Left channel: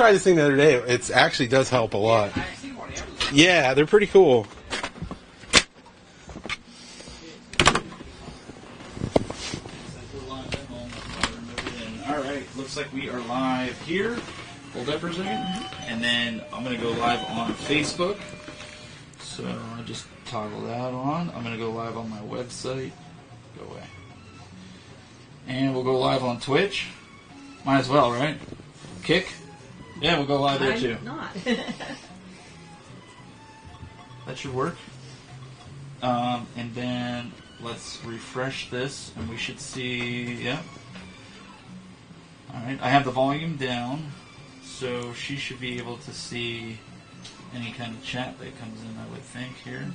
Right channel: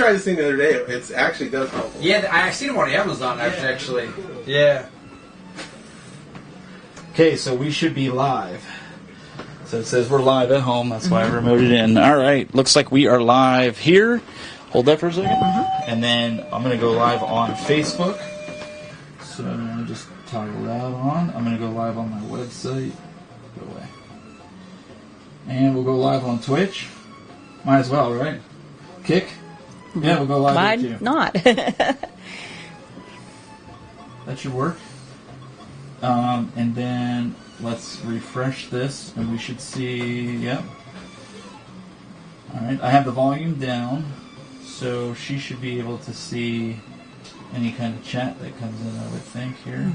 tried this thing the other day. It actually does help a lot. Yeah, I seen them on Amazon. Yeah, they're pretty cool. Yeah. Okay, so we should be live. So it says we're live at home. That's why I remoted in. All right, looks like we are live here. Hold that for a second. And then I'm going to go live on Facebook. So I'll just toggle that on. I'm going to go live on my website. Go away. And we'll go live on Twitch. Might as well, right? Kick? Yeah, we'll go live there too. Not. That should work. And then let's refresh this, and we should see, yep. All right, I have the volume down, so she should be able to see any kind of chat that comes in, I would think, here.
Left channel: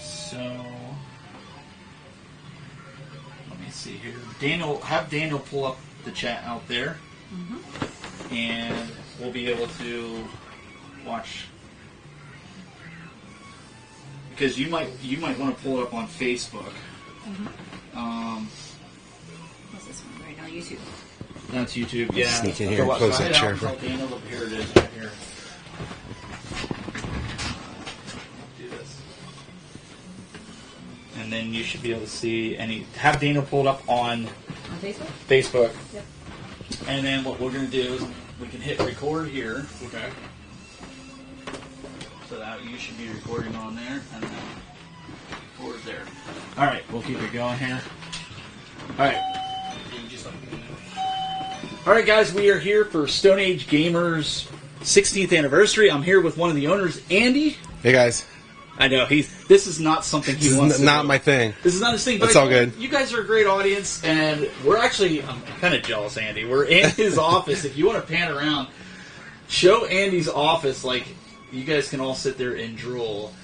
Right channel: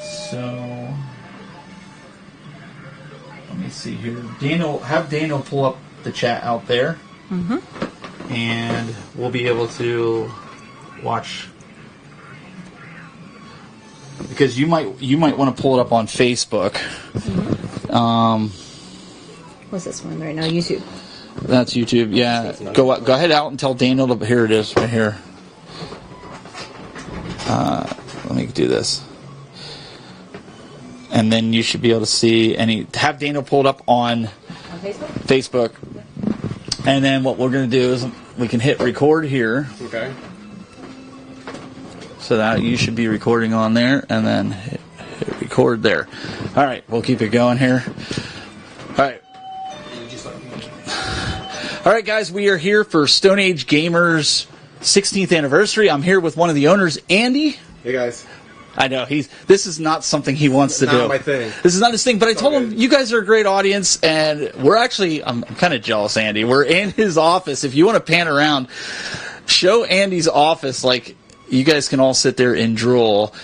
So, let me see here. Have Daniel pull up the chat out there. And we'll be able to watch, because you might want to pull it up on Facebook. What's this one right now? YouTube. That's YouTube. Yeah. Go ahead out and tell Daniel to. Here it is, right here. Let me do this, and then you should be able to see any. Have Daniel pulled up on Facebook. Facebook. And then what we're going to do is we can hit record here. Okay. So that you should be recording on there, and then hit record there. All right, we'll keep it going here. All right. All right, guys, we are here for Stone Age Gamer's 16th anniversary. I'm here with one of the owners, Andy. Hey, guys. I know this is not something he wants to do. This is not my thing. This is not his thing. But I told him you guys are a great audience, and I'm kind of jealous, Andy. We're in his office. If you want to pan around, show Andy's office. Like, you guys can all sit there and drool.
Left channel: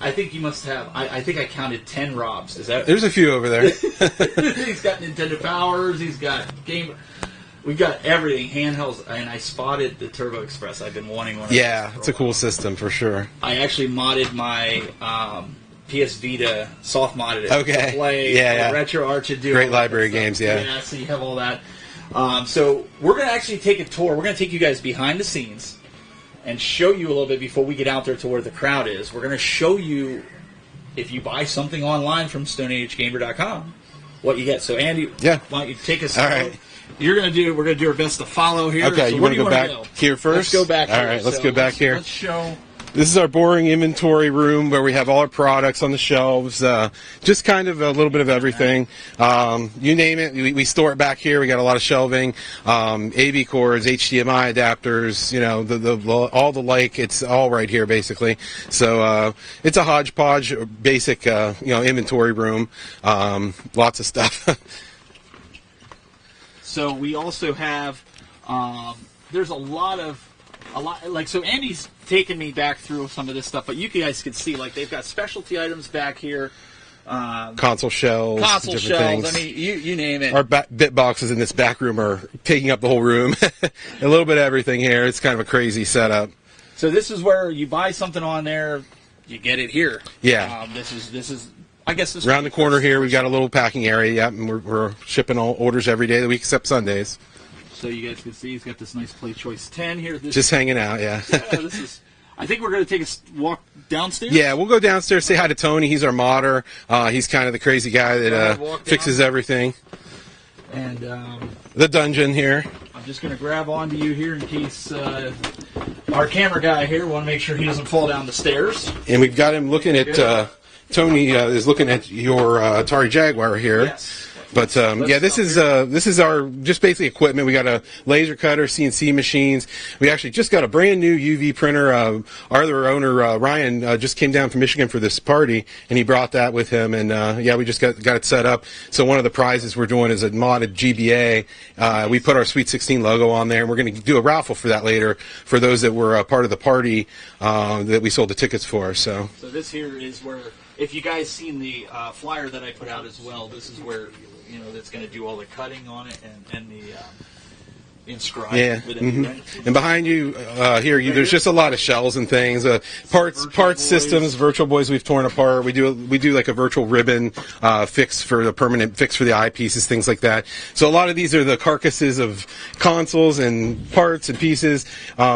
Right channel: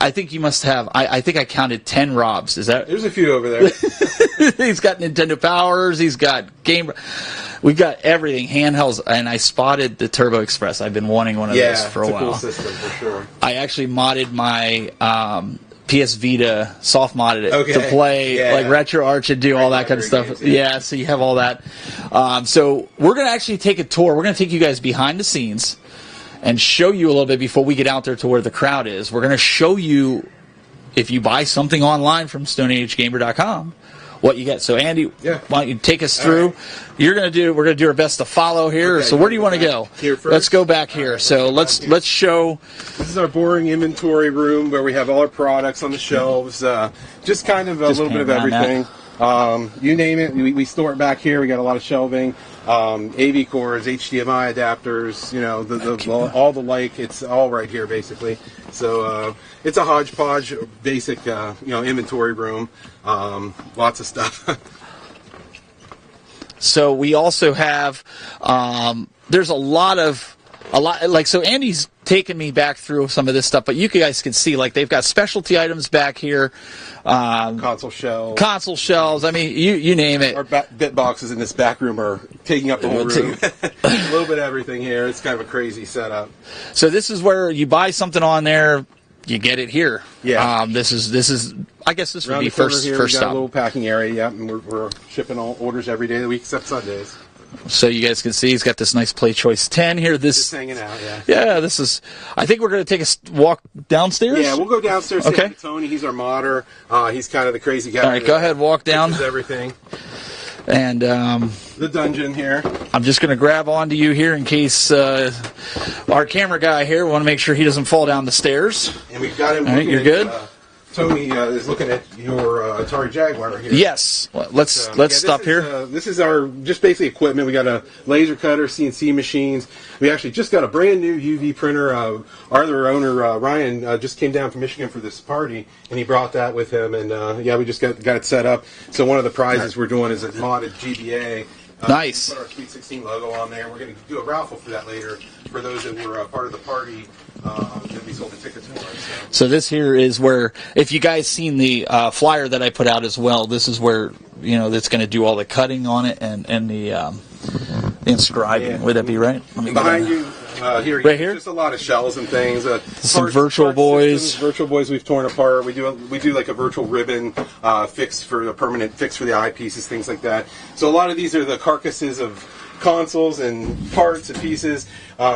I think you must have. I think I counted 10 Robs. Is that? There's a few over there. He's got Nintendo Powers. He's got Game. We got everything, handhelds, and I spotted the Turbo Express. I've been wanting one of those for a while. Yeah, it's a cool system for sure. I actually modded my PS Vita, soft modded it to play like Retro Arch and do all that kind of stuff. Games, yeah, so you have all that. So we're going to actually take a tour. We're going to take you guys behind the scenes and show you a little bit before we get out there to where the crowd is. We're going to show you, if you buy something online from stoneagegamer.com, what you get. So Andy, why don't you take us through? Right. We're going to do our best to follow here. Okay, so where do you want to go? Here first? Let's go back here. Right, let's show. This is our boring inventory room where we have all our products on the shelves. Just kind of a little bit of everything. You name it, we store it back here. We got a lot of shelving, AV cords, HDMI adapters, all the like. It's all right here basically. So it's a hodgepodge, basic inventory room. Lots of stuff. So we also have, there's a lot, so Andy's taken me back through some of this stuff, but you guys can see, like, they've got specialty items back here. Console shelves. Things. I mean, you name it. Our bit boxes in this back room are taking up the whole room. A little bit of everything here. It's kind of a crazy setup. So this is where you buy something on there, you get it here. Yeah. This is. I guess this around would be the corner first, here. First we got stop. a little packing area. Yeah, and we're shipping all orders every day of the week except Sundays. So you guys can see he's got this nice Play Choice 10 here. Just hanging out, yeah. Yeah, this is. I think we're going to take a walk downstairs. Yeah, we'll go downstairs. Say hi to Tony. He's our modder. He's kind of the crazy guy. All right, go ahead, walk down. Fixes everything. And the dungeon here. I'm just going to grab onto you here in case our camera guy here. Want to make sure he doesn't fall down the stairs. And we've got him looking at. Tony is looking at your Atari Jaguar here. Yes. This is our just basic equipment. We got a laser cutter, CNC machines. We actually just got a brand new UV printer. Our other owner Ryan just came down from Michigan for this party, and he brought that with him. And we just got it set up. So one of the prizes we're doing is a modded GBA. Nice. We put our Sweet 16 logo on there, and we're going to do a raffle for that later for those that were part of the party that we sold the tickets for. So this here is where, if you guys seen the flyer that I put out as well, this is where that's going to do all the cutting on it and the inscribing. Yeah. Would that be right? And behind you, here, Right there's here? just a lot of shells and things. Some Virtual Boys. Systems, Virtual Boys we've torn apart. We do like a virtual ribbon fix for the permanent fix for the eyepieces, things like that. So a lot of these are the carcasses of consoles and parts and pieces.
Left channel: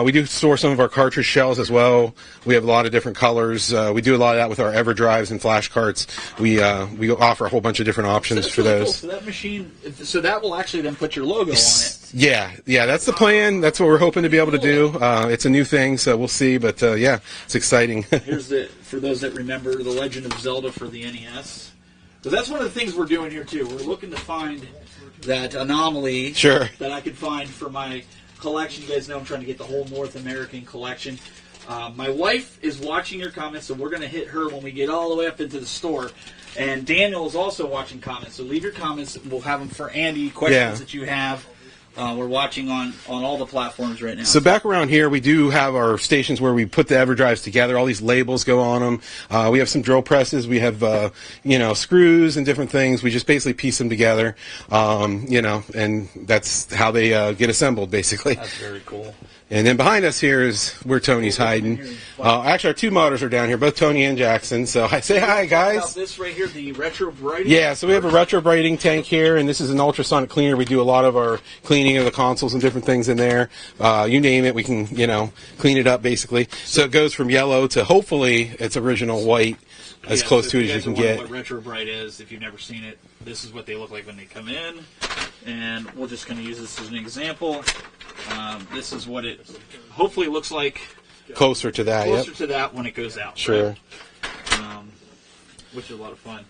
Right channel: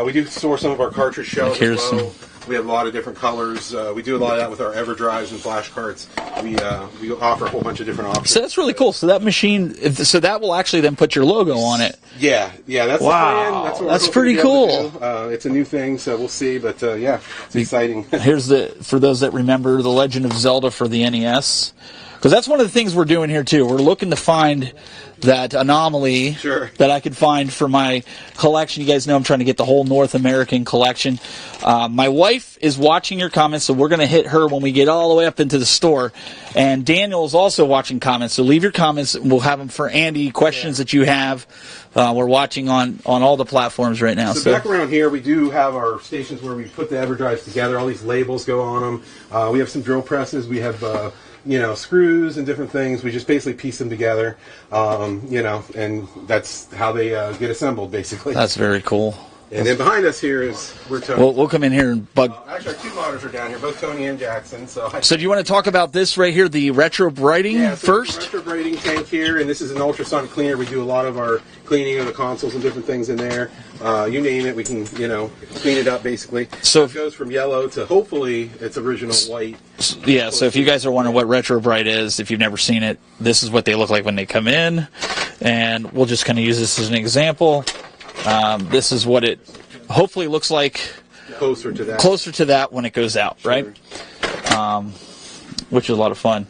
We do store some of our cartridge shells as well. We have a lot of different colors. We do a lot of that with our EverDrives and flash carts. We offer a whole bunch of different options. So that's really cool. So that machine, so that will actually then put your logo on it. Yeah, that's the plan. That's what we're hoping to be able to do. It's a new thing, so we'll see. But yeah, it's exciting. Here's for those that remember The Legend of Zelda for the NES, because that's one of the things we're doing here too. We're looking to find that anomaly that I could find for my collection. You guys know I'm trying to get the whole North American collection. My wife is watching your comments, so we're going to hit her when we get all the way up into the store. And Daniel is also watching comments, so leave your comments. We'll have them for Andy, questions that you have. We're watching on all the platforms right now. So back around here, we do have our stations where we put the EverDrives together. All these labels go on them. We have some drill presses. We have screws and different things. We just basically piece them together, and that's how they get assembled, basically. That's very cool. And then behind us here is where Tony's we'll hiding. come in here. But actually, our two modders are down here, both Tony and Jackson. So you want to talk about this right here, the retro brighting? Yeah, so we have a retro brighting tank here, and this is an ultrasonic cleaner. We do a lot of our cleaning of the consoles and different things in there. You name it, we can clean it up basically. So it goes from yellow to hopefully its original white. Yeah, so if you guys are wondering what retro bright is, if you've never seen it, this is what they look like when they come in, and we'll just kind of use this as an example. This is what it hopefully looks like closer to that when it goes out, right? Which is a lot of fun.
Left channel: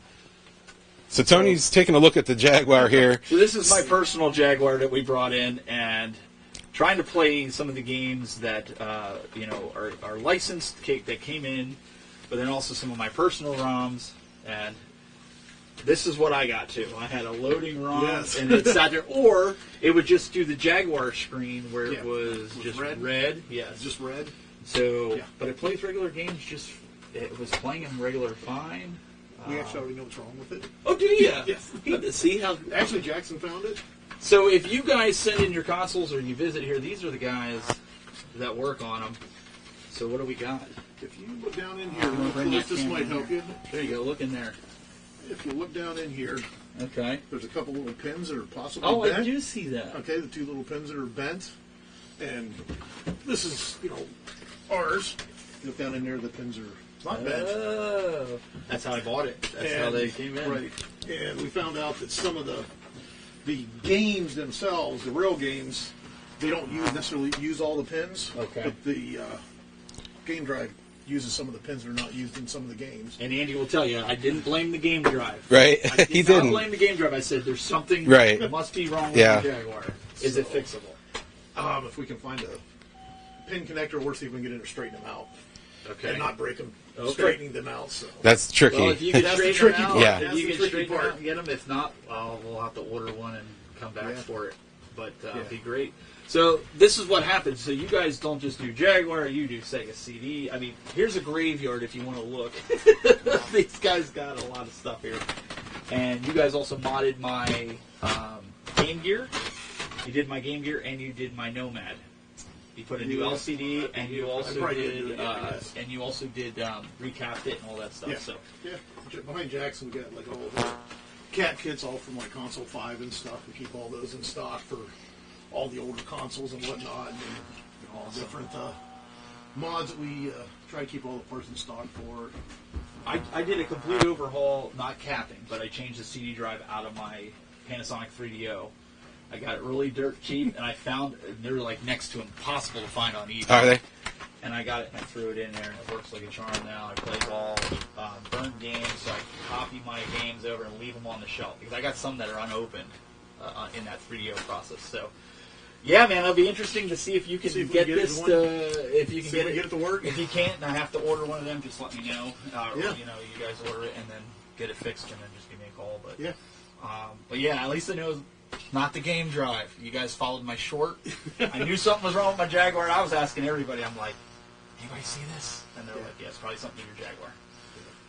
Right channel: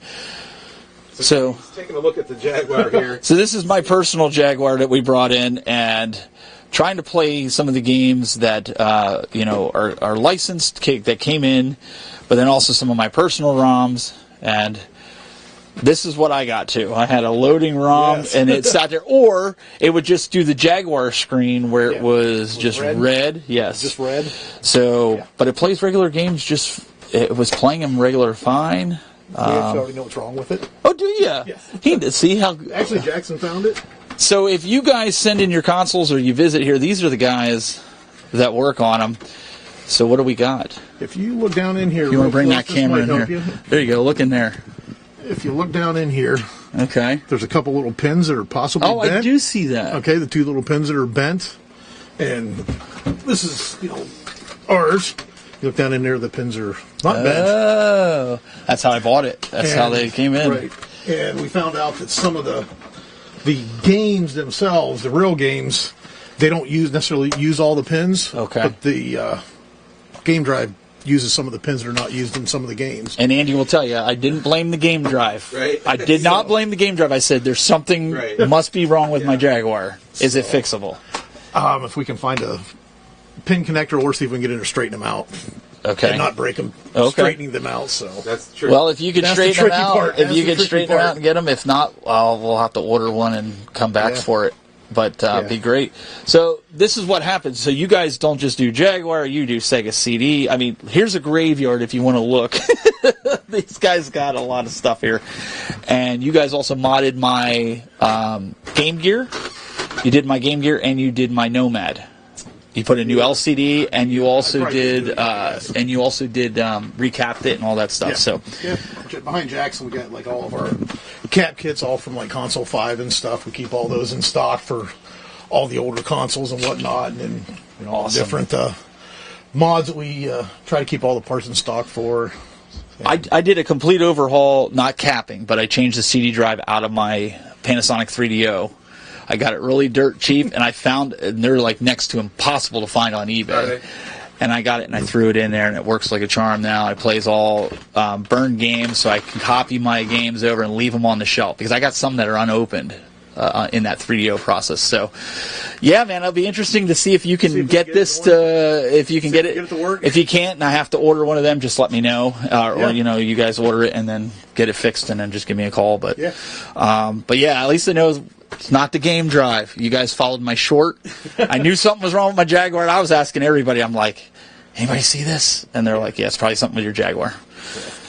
So Tony's taking a look at the Jaguar here. So this is my personal Jaguar that we brought in, and trying to play some of the games that are licensed, that came in, but then also some of my personal ROMs. And this is what I got too. I had a loading ROM, and it sat there, or it would just do the Jaguar screen where it was just red. Yes, just red. So, but it plays regular games. It was playing them regular fine. We actually already know what's wrong with it. Oh, do you? Yes. See how? Actually, Jackson found it. So if you guys send in your consoles or you visit here, these are the guys that work on them. So what do we got? If you look down in here, you want to bring that camera in here? There you go. Look in there. If you look down in here, there's a couple little pins that are possibly bent. I do see that. Okay, the two little pins that are bent, and this is ours. You look down in there, the pins are not bent. Oh, that's how I bought it. That's how they came in. Right, and we found out that some of the games themselves, the real games, they don't necessarily use all the pins. Okay, but the game drive uses some of the pins that are not used in some of the games. And Andy will tell you, I didn't blame the game drive. Right. I did not blame the game drive. I said there's something must be wrong with my Jaguar. Is it fixable? If we can find a pin connector, or see if we can get in there, straighten them out. Okay. And not break them, straightening them out. So that's tricky. Well, if you can straighten them out, straighten them out and get them. If not, we'll have to order one and come back for it. But be great. So this is what happens. So you guys don't just do Jaguar, you do Sega CD. I mean, here's a graveyard if you want to look. These guys got a lot of stuff here. And you guys also modded my Game Gear. You did my Game Gear, and you did my Nomad. You put a new LCD, and you also did recapped it and all that stuff. So behind Jackson, we got like all of our cat kits, all from like Console 5 and stuff. We keep all those in stock for all the older consoles and whatnot, and then all the different mods that we try to keep all the parts in stock for. I did a complete overhaul, not capping, but I changed the CD drive out of my Panasonic 3DO. I got it really dirt cheap, and and they're like next to impossible to find on eBay. Are they? And I got it, and I threw it in there, and it works like a charm now. It plays all burned games, so I can copy my games over and leave them on the shelf, because I got some that are unopened in that 3DO process. So, yeah, man, it'll be interesting to see if you can get this if you can get it to work. If you can't, and I have to order one of them, just let me know, or you guys order it and then get it fixed, and then just give me a call. But at least I know it's not the game drive. You guys followed my short. I knew something was wrong with my Jaguar, and I was asking everybody. I'm like, anybody see this? And they're like, yeah, it's probably something with your Jaguar.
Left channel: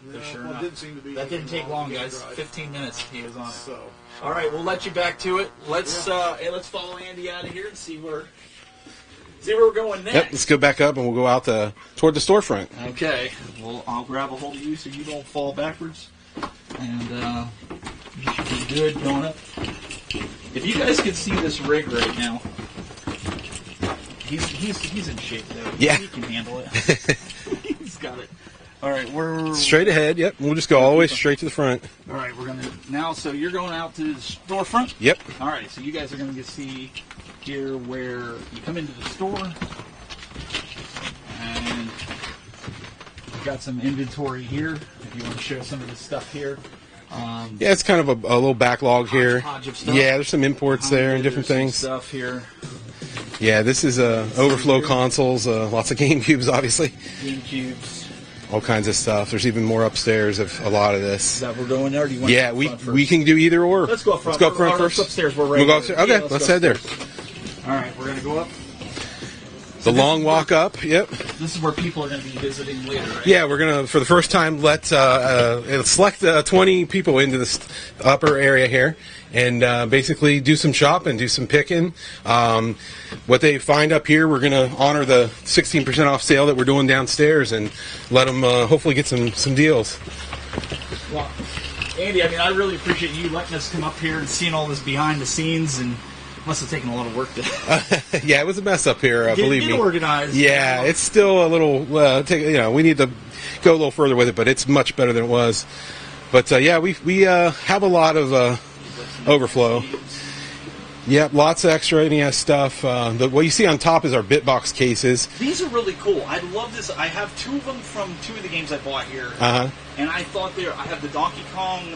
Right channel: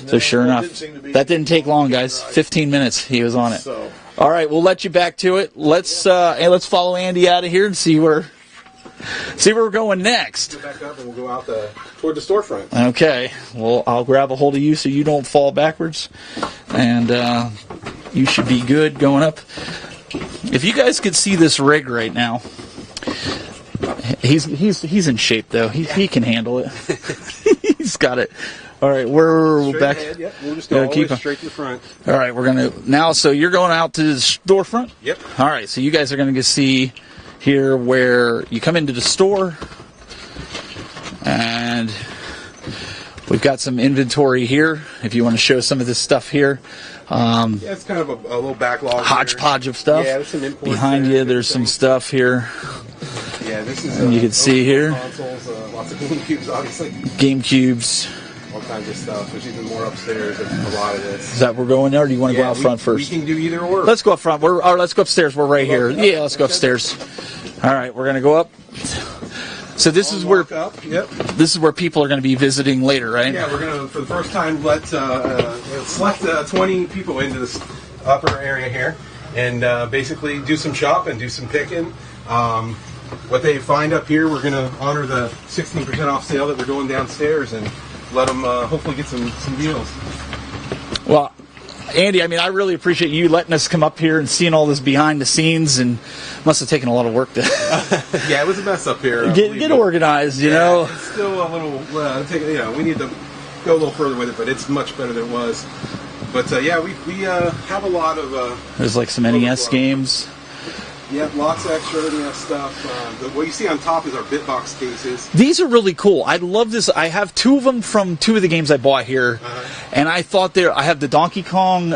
So sure it enough, didn't seem to be that didn't take long, to guys. drive. 15 minutes he was on it. So All right, we'll let you back to it. Let's follow Andy out of here and see where we're going Yep, next. let's go back up and we'll go out toward the storefront. Okay. Well, I'll grab a hold of you so you don't fall backwards, and you should be good going up. If you guys could see this rig right now, he's in shape though. He can handle it. He's got it. All right, we're Straight back. ahead, yep. We'll just go all the way keep straight to the front. All right, we're gonna now. So you're going out to the storefront. Yep. All right, so you guys are gonna see here where you come into the store, and we've got some inventory here. If you want to show some of this stuff here. Yeah, it's kind of a little backlog here. Hodgepodge of stuff. Yeah, there's some imports Behind there. you, different there's some things. stuff here. Yeah, this is You can see overflow here. consoles, lots of Game Cubes, obviously. Game cubes. All kinds of stuff. There's even more upstairs of a lot of this. Is that we're going there, or do you want to go Yeah, out front first? we can do either or. Let's go up front. Let's go, Let's go upstairs. We're right We'll go here. upstairs? Okay, Yeah, let's go let's head there. upstairs. All right, we're gonna go up. So A this long is where walk up. Yep. this is where people are going to be visiting later, right? Yeah, we're gonna for the first time select 20 people into this upper area here, and basically do some shopping, do some picking. What they find up here, we're gonna honor the 16% off sale that we're doing downstairs, and let them hopefully get some deals. Well, Andy, I mean, I really appreciate you letting us come up here and seeing all this behind the scenes, and must have taken a lot of work to Yeah, it was a mess up here. Believe get me. organized. Yeah, you know? it's still a little. We need to go a little further with it, but it's much better than it was. But yeah, we have a lot of. There's like some NES overflow. games. Yeah, lots of extra NES stuff. What you see on top is our BitBox cases. These are really cool. I love this. I have two of them from two of the games I bought here, and I thought I have the Donkey Kong.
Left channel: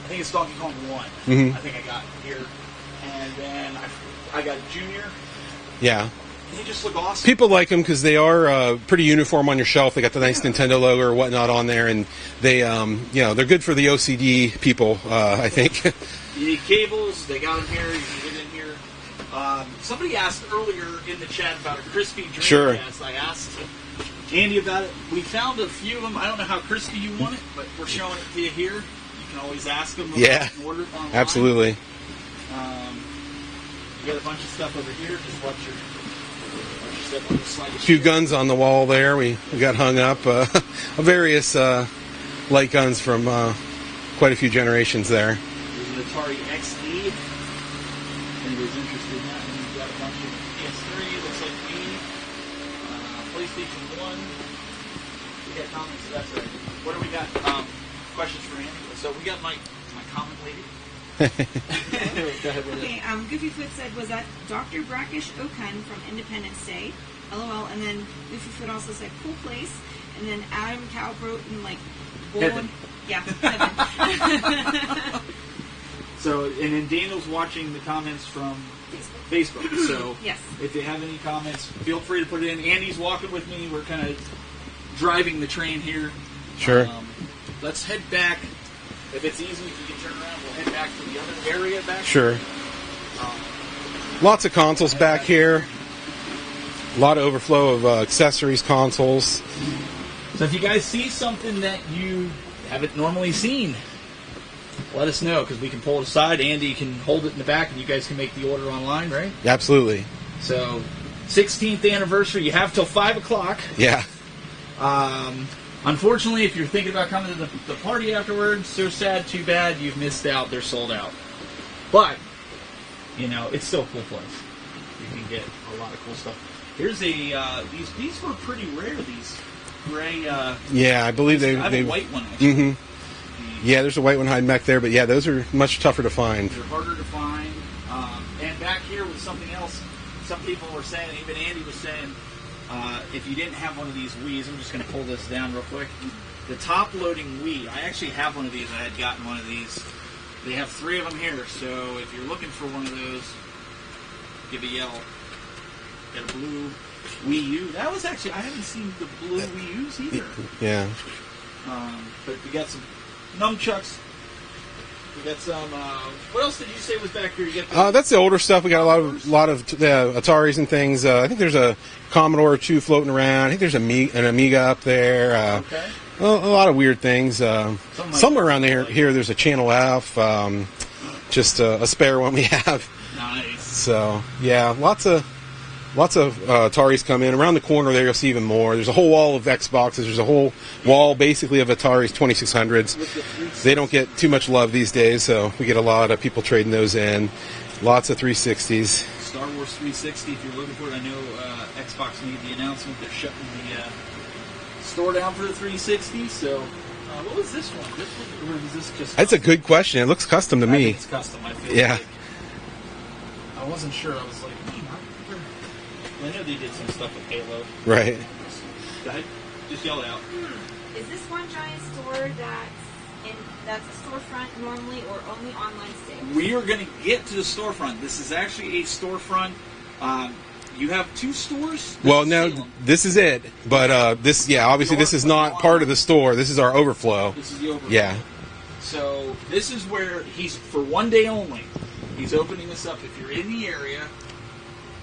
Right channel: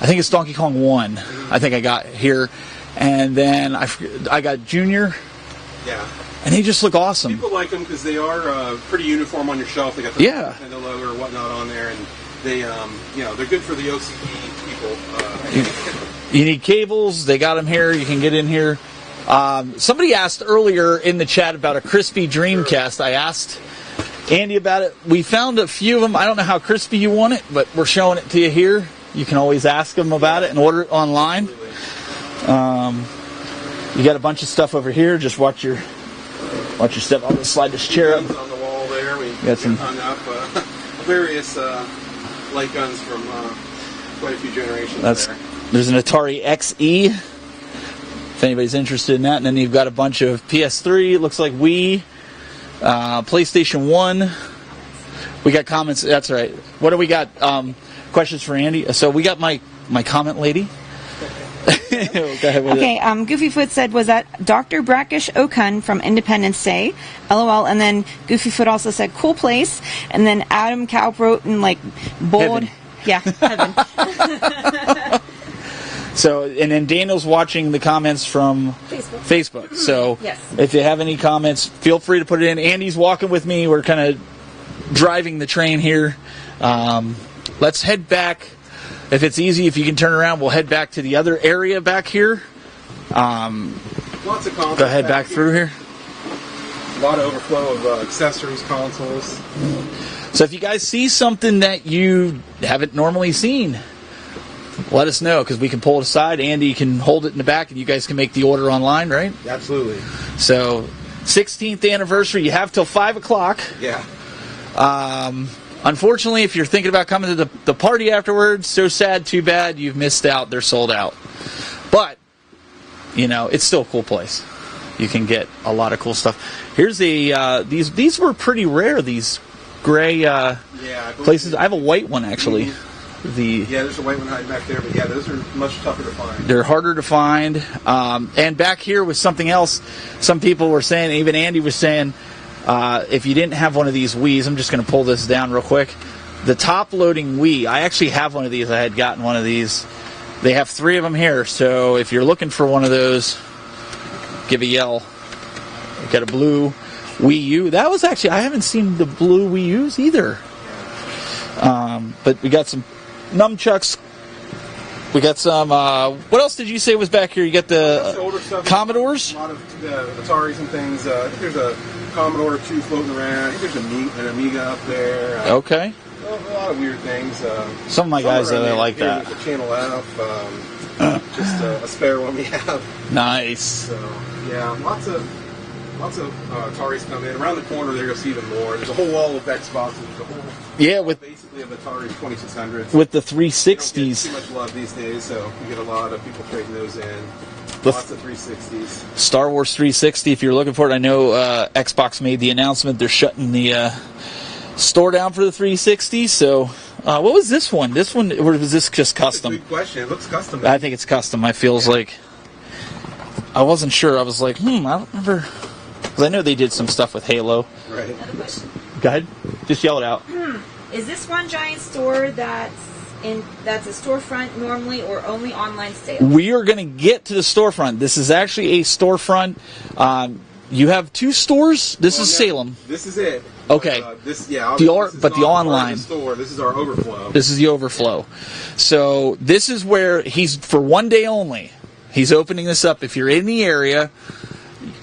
I think it's Donkey Kong 1. I think I got here, and then I got Junior. Yeah. And they just look awesome. People like them because they are pretty uniform on your shelf. They got the nice Nintendo logo or whatnot on there, and they, they're good for the OCD people, I think. You need cables. They got them here. You can get in here. Somebody asked earlier in the chat about a crispy Dreamcast. Sure. I asked Andy about it. We found a few of them. I don't know how crispy you want it, but we're showing it to you here. You can always ask them about it and order it online. Absolutely. You got a bunch of stuff over here. Just watch your step. I'll just slide the Two chair guns up. on the wall there. We got hung up. Various light guns from quite a few generations there. There's an Atari XE, if anybody's interested in that. And then you've got a bunch of PS3, looks like Wii, PlayStation 1. We got comments. That's right. What do we got? Questions for Andy? So we got my comment lady. Go ahead with Okay, Goofyfoot said, was that Dr. Brackish Okun from Independence Day? LOL. And then Goofyfoot also said, cool place. And then Adam Kaup wrote in like bold. Heaven. Yeah, heaven. So, and then Daniel's watching the comments from Facebook. So, Yes. if you have any comments, feel free to put it in. Andy's walking with me. We're kind of driving the train here. Sure. Let's head back. If it's easy, if you can turn around, we'll head back to the other area back here. Lots of consoles Head back through here. A lot of overflow of accessories, consoles. So if you guys see something that you haven't normally seen, let us know, because we can pull it aside. Andy can hold it in the back, and you guys can make the order online, right? Absolutely. So, 16th anniversary. You have till 5 o'clock. Yeah. Unfortunately, if you're thinking about coming to the party afterwards, so sad, too bad, you've missed out. They're sold out. But, it's still a cool place. You can get a lot of cool stuff. Here's these were pretty rare, these gray Yeah, I believe places. I have a white one, actually. Yeah, there's a white one hiding back there, but yeah, those are much tougher to find. They're harder to find. And back here was something else. Some people were saying, even Andy was saying, if you didn't have one of these Wiis, I'm just going to pull this down real quick. The top-loading Wii, I actually have one of these. I had gotten one of these. They have 3 of them here, so if you're looking for one of those, give a yell. We've got a blue Wii U. That was actually, I haven't seen the blue Wii U's either. Yeah. But we got some nunchucks. We got some. What else did you say was back here? You got the. That's the older stuff. We got Commodores? a lot of Ataris and things. I think there's a Commodore or 2 floating around. I think there's an Amiga up there. Okay. a lot of weird things. Some of my guys around are here, like that. there's a Channel F, just a spare one we have. Nice. So yeah, lots of Ataris come in. Around the corner there, you'll see even more. There's a whole wall of Xboxes. There's a whole wall basically of Ataris 2600s. With the 360s. They don't get too much love these days, so we get a lot of people trading those in. Lots of 360s. Star Wars 360, if you're looking for it. I know Xbox made the announcement they're shutting the store down for the 360. So, what was this one? This one, or was this just custom? That's a good question. It looks custom to me. I think it's custom. I feel like I wasn't sure. I was like, I don't remember. Because I know they did some stuff with Halo. Right. Go ahead. Just yell it out. Is this one giant store that's a storefront normally or only online sales? We are going to get to the storefront. This is actually a storefront. You have 2 stores. This is Salem. This is it. But Okay. this is not part of the store. This is our overflow. This is the overflow. Yeah. So this is where he's, for one day only, he's opening this up. If you're in the area,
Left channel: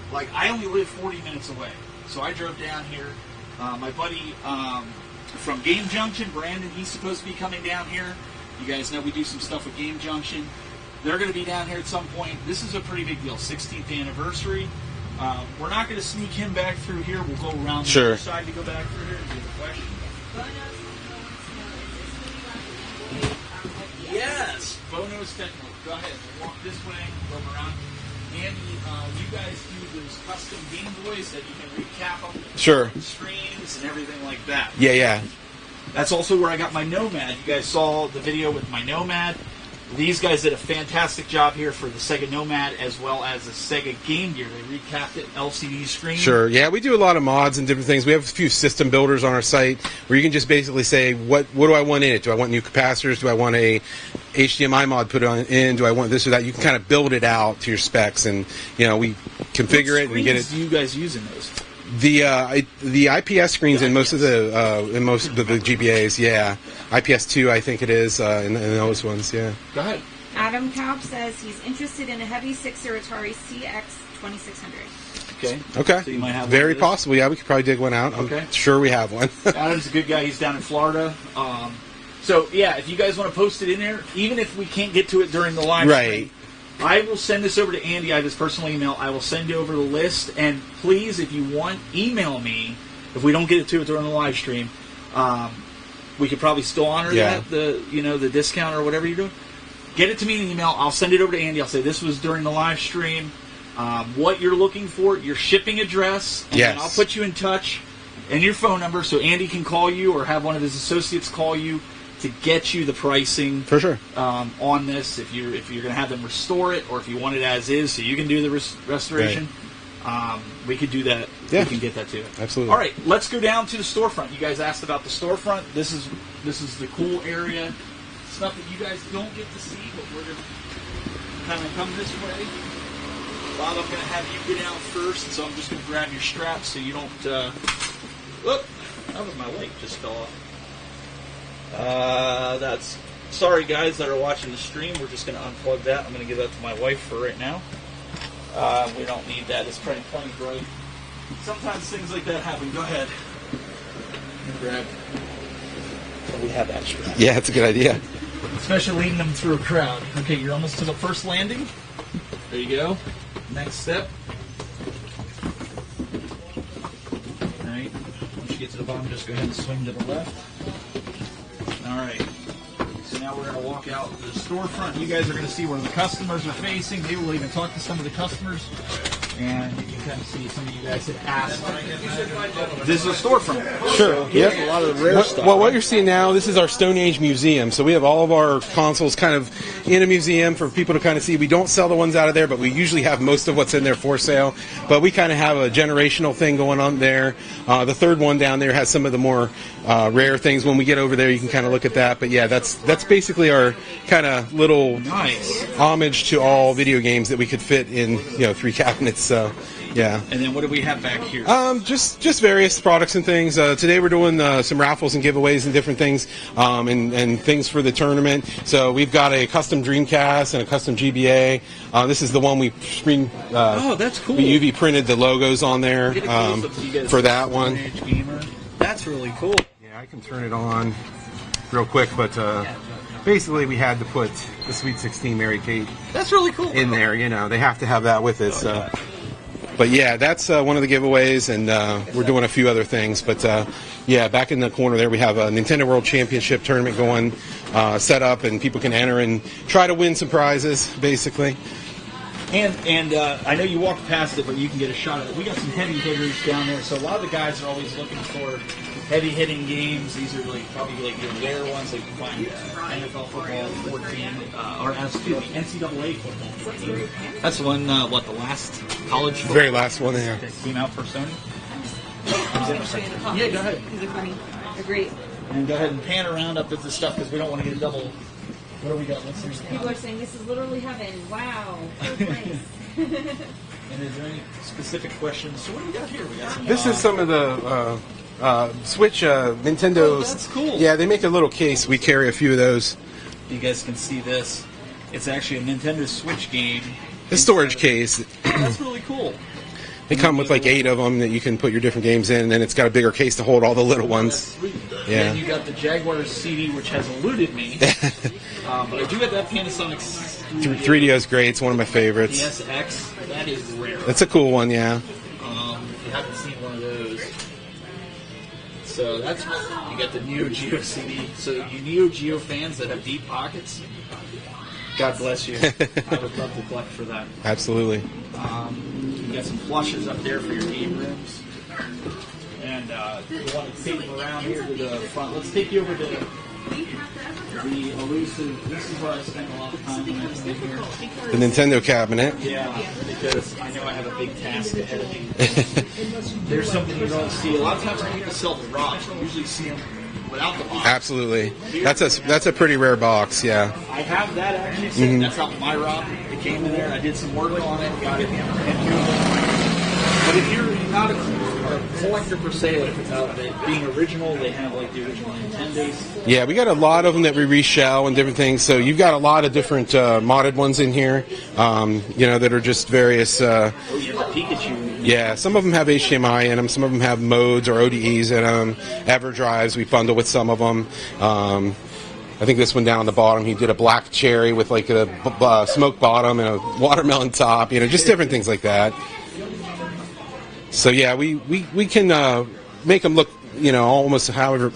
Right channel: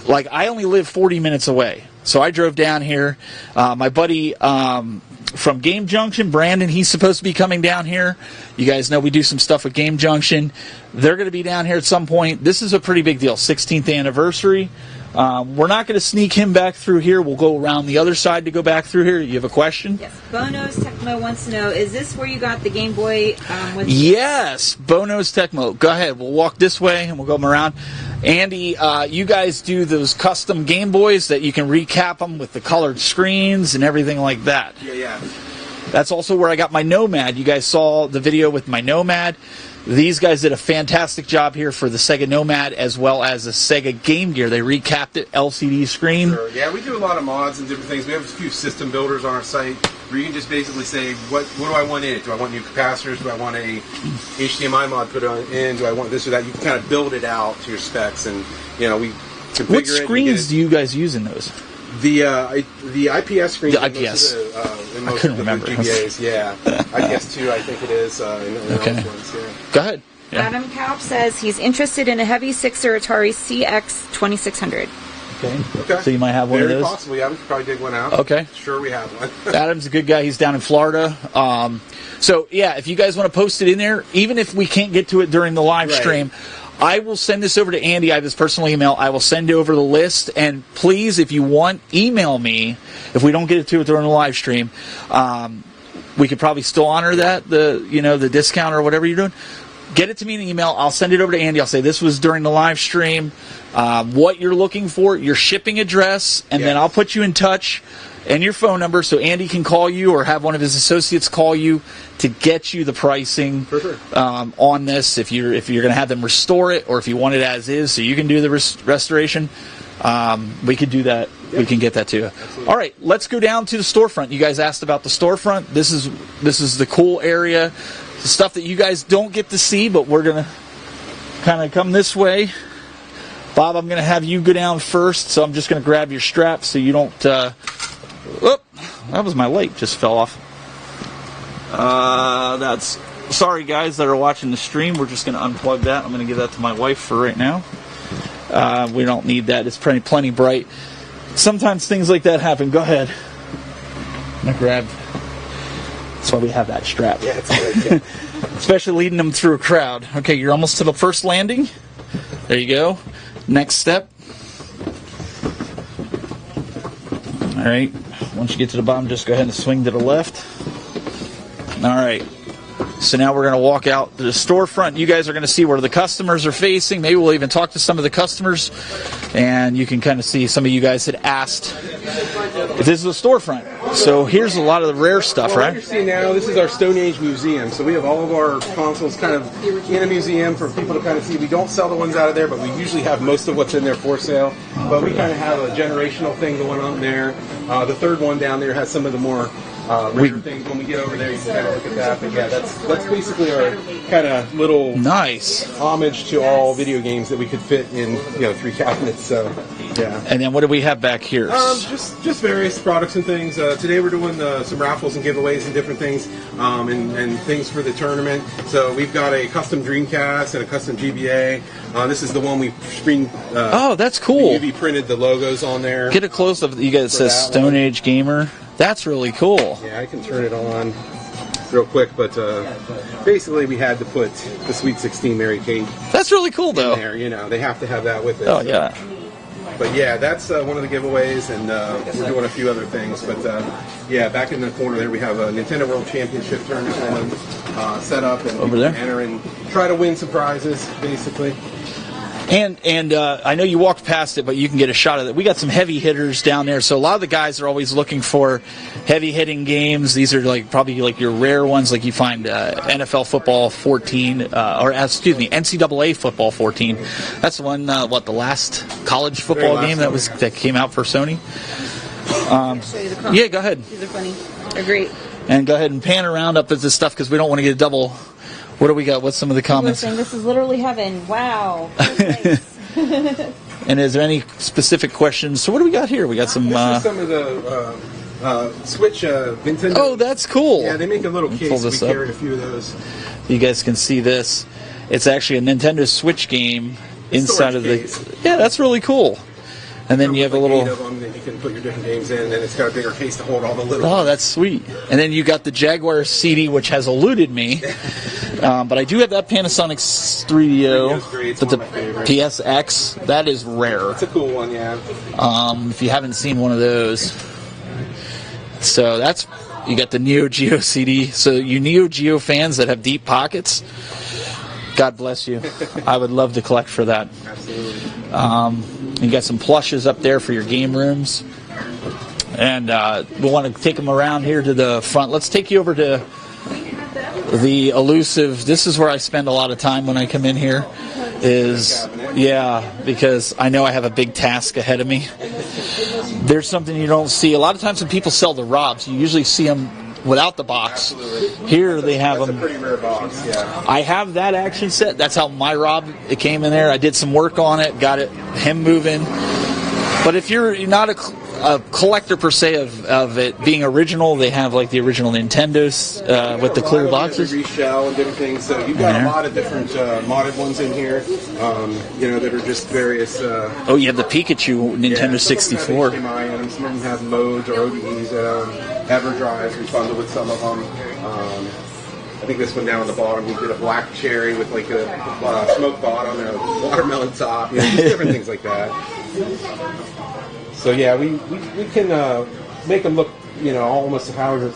like I only live 40 minutes away. So I drove down here. My buddy from Game Junction, Brandon, he's supposed to be coming down here. You guys know we do some stuff with Game Junction. They're going to be down here at some point. This is a pretty big deal, 16th anniversary. We're not going to sneak him back through here. We'll go around the other side to go back through here. You have a question? Yes. Bono's Tecmo wants to know, is this where you got the Game Boy? Yes, Bono's Tecmo. Go ahead. We'll walk this way and we'll go around. Andy, you guys do those custom Game Boys that you can recap them with the colored screens and everything like that. Yeah. That's also where I got my Nomad. You guys saw the video with my Nomad. These guys did a fantastic job here for the Sega Nomad as well as the Sega Game Gear. They recapped it, LCD screen. Sure, yeah, we do a lot of mods and different things. We have a few system builders on our site where you can just basically say, what do I want in it? Do I want new capacitors? Do I want a HDMI mod put in? Do I want this or that? You can kind of build it out to your specs, and we configure What it. screens do you guys use in those? The IPS screens in most of the GBAs, yeah. IPS 2, I think it is in those ones, yeah. Go ahead. Yeah. Adam Kaup says he's interested in a heavy 6er Atari CX 2600. Okay. So you might have one of those? Very possible, yeah. We could probably dig one out. Okay. I'm sure we have one. Adam's a good guy. He's down in Florida. So, yeah, if you guys want to post it in there, even if we can't get to it during the live stream, I will send this over to Andy. I have his personal email. I will send you over the list. And please, if you want, email me. If we don't get to it during the live stream, we could probably still honor that, the discount or whatever you're doing. Get it to me in an email. I'll send it over to Andy. I'll say this was during the live stream. What you're looking for, your shipping address, and then I'll put you in touch and your phone number so Andy can call you or have one of his associates call you to get you the pricing for sure on this. If you're going to have them restore it, or if you want it as is, so you can do the restoration, we could do that. Yeah. We can get that too. Absolutely. All right, let's go down to the storefront. You guys asked about the storefront. This is the cool area, the stuff that you guys don't get to see, but we're gonna kind of come this way. Bob, I'm gonna have you go down first, so I'm just gonna grab your strap so you don't. Oh, that was my light just fell off. Sorry guys that are watching the stream, we're just going to unplug that. I'm going to give that to my wife for right now. We don't need that. It's plenty bright. Sometimes things like that happen. Go ahead. I'm going to grab. That's why we have that strap. Yeah, it's a good idea. Especially leading them through a crowd. Okay, you're almost to the first landing. There you go. Next step. All right. Once you get to the bottom, just go ahead and swing to the left. All right. So now we're going to walk out to the storefront. You guys are going to see where the customers are facing. Maybe we'll even talk to some of the customers. And you can kind of see some of you guys had asked if this is a storefront. Sure. So here's a lot of the rare stuff, what you're seeing now, this is our Stone Age museum. So we have all of our consoles kind of in a museum for people to kind of see. We don't sell the ones out of there, but we usually have most of what's in there for sale. But we kind of have a generational thing going on there. The third one down there has some of the more rare things. When we get over there, you can kind of look at that. But yeah, that's basically our kind of little homage to all video games that we could fit in 3 cabinets. So yeah. And then what do we have back here? Just various products and things. Today we're doing some raffles and giveaways and different things, and things for the tournament. So we've got a custom Dreamcast and a custom GBA. This is the one we screen. Oh, that's cool. We UV printed the logos on there. Get it close up. You guys said Stone Age Gamer. That's really cool. Yeah, I can turn it on real quick, but basically we had to put the Sweet 16 Mary Kate That's really cool, though. in there. You know, they have to have that with it. Oh, so. yeah. But yeah, that's one of the giveaways, and we're doing a few other things. But yeah, back in the corner there, we have a Nintendo World Championship tournament going, set up, and people can enter and try to win some prizes, basically. And I know you walked past it, but you can get a shot of it. We got some heavy hitters down there, so a lot of the guys are always looking for heavy hitting games. These are probably your rare ones, like you find NFL Football 14, NCAA Football 14. That's the one. The last college football game that came out for Sony. Yeah, go ahead. They're funny. They're great. And go ahead and pan around up at this stuff because we don't want to get a double. What do we got? What's some of the comments? This is literally heaven. Wow. Nice. And is there any specific questions? So what do we got here? We got some... This is some of the Switch Nintendo. Oh, that's cool. Yeah, they make a little case. We carry a few of those. You guys can see this. It's actually a Nintendo Switch game. Storage case. Yeah, that's really cool. And then you have 8 of them that you can put your different games in, and then it's got a bigger case to hold all the little ones. Oh, that's sweet. And then you got the Jaguar CD, which has eluded me. But I do have that Panasonic 3DO. 3DO is great. It's one of my favorites. PSX. That is rare. That's a cool one, yeah. If you haven't seen one of those. So you got the Neo Geo CD. So you Neo Geo fans that have deep pockets, God bless you. I would love to collect for that. Absolutely. You got some plushes up there for your game rooms. And we'll want to take them around here to the front. Let's take you over to the elusive. This is where I spend a lot of time when I come in here. The Nintendo cabinet. Yeah, because I know I have a big task ahead of me. There's something you don't see. A lot of times when people sell the ROMs, you usually see them without the box. Absolutely. Here that's a pretty rare box, yeah. I have that actually set. That's how my Rob, it came in there. I did some work on it, got him moving. But if you're not a collector per se of it being original, they have like the original Nintendos. Yeah, we got a lot of them that we boxes. reshell and different things. So you've got a lot of different modded ones in here, that are just various. Oh, you have the Pikachu Nintendo 64. Some of them have HDMI in them. Some of them have modes or ODEs in them. EverDrives we bundle with some of them. I think this one down on the bottom, he did a black cherry with like a smoked bottom and a watermelon top. Just different things like that. So yeah, we can make them look, almost however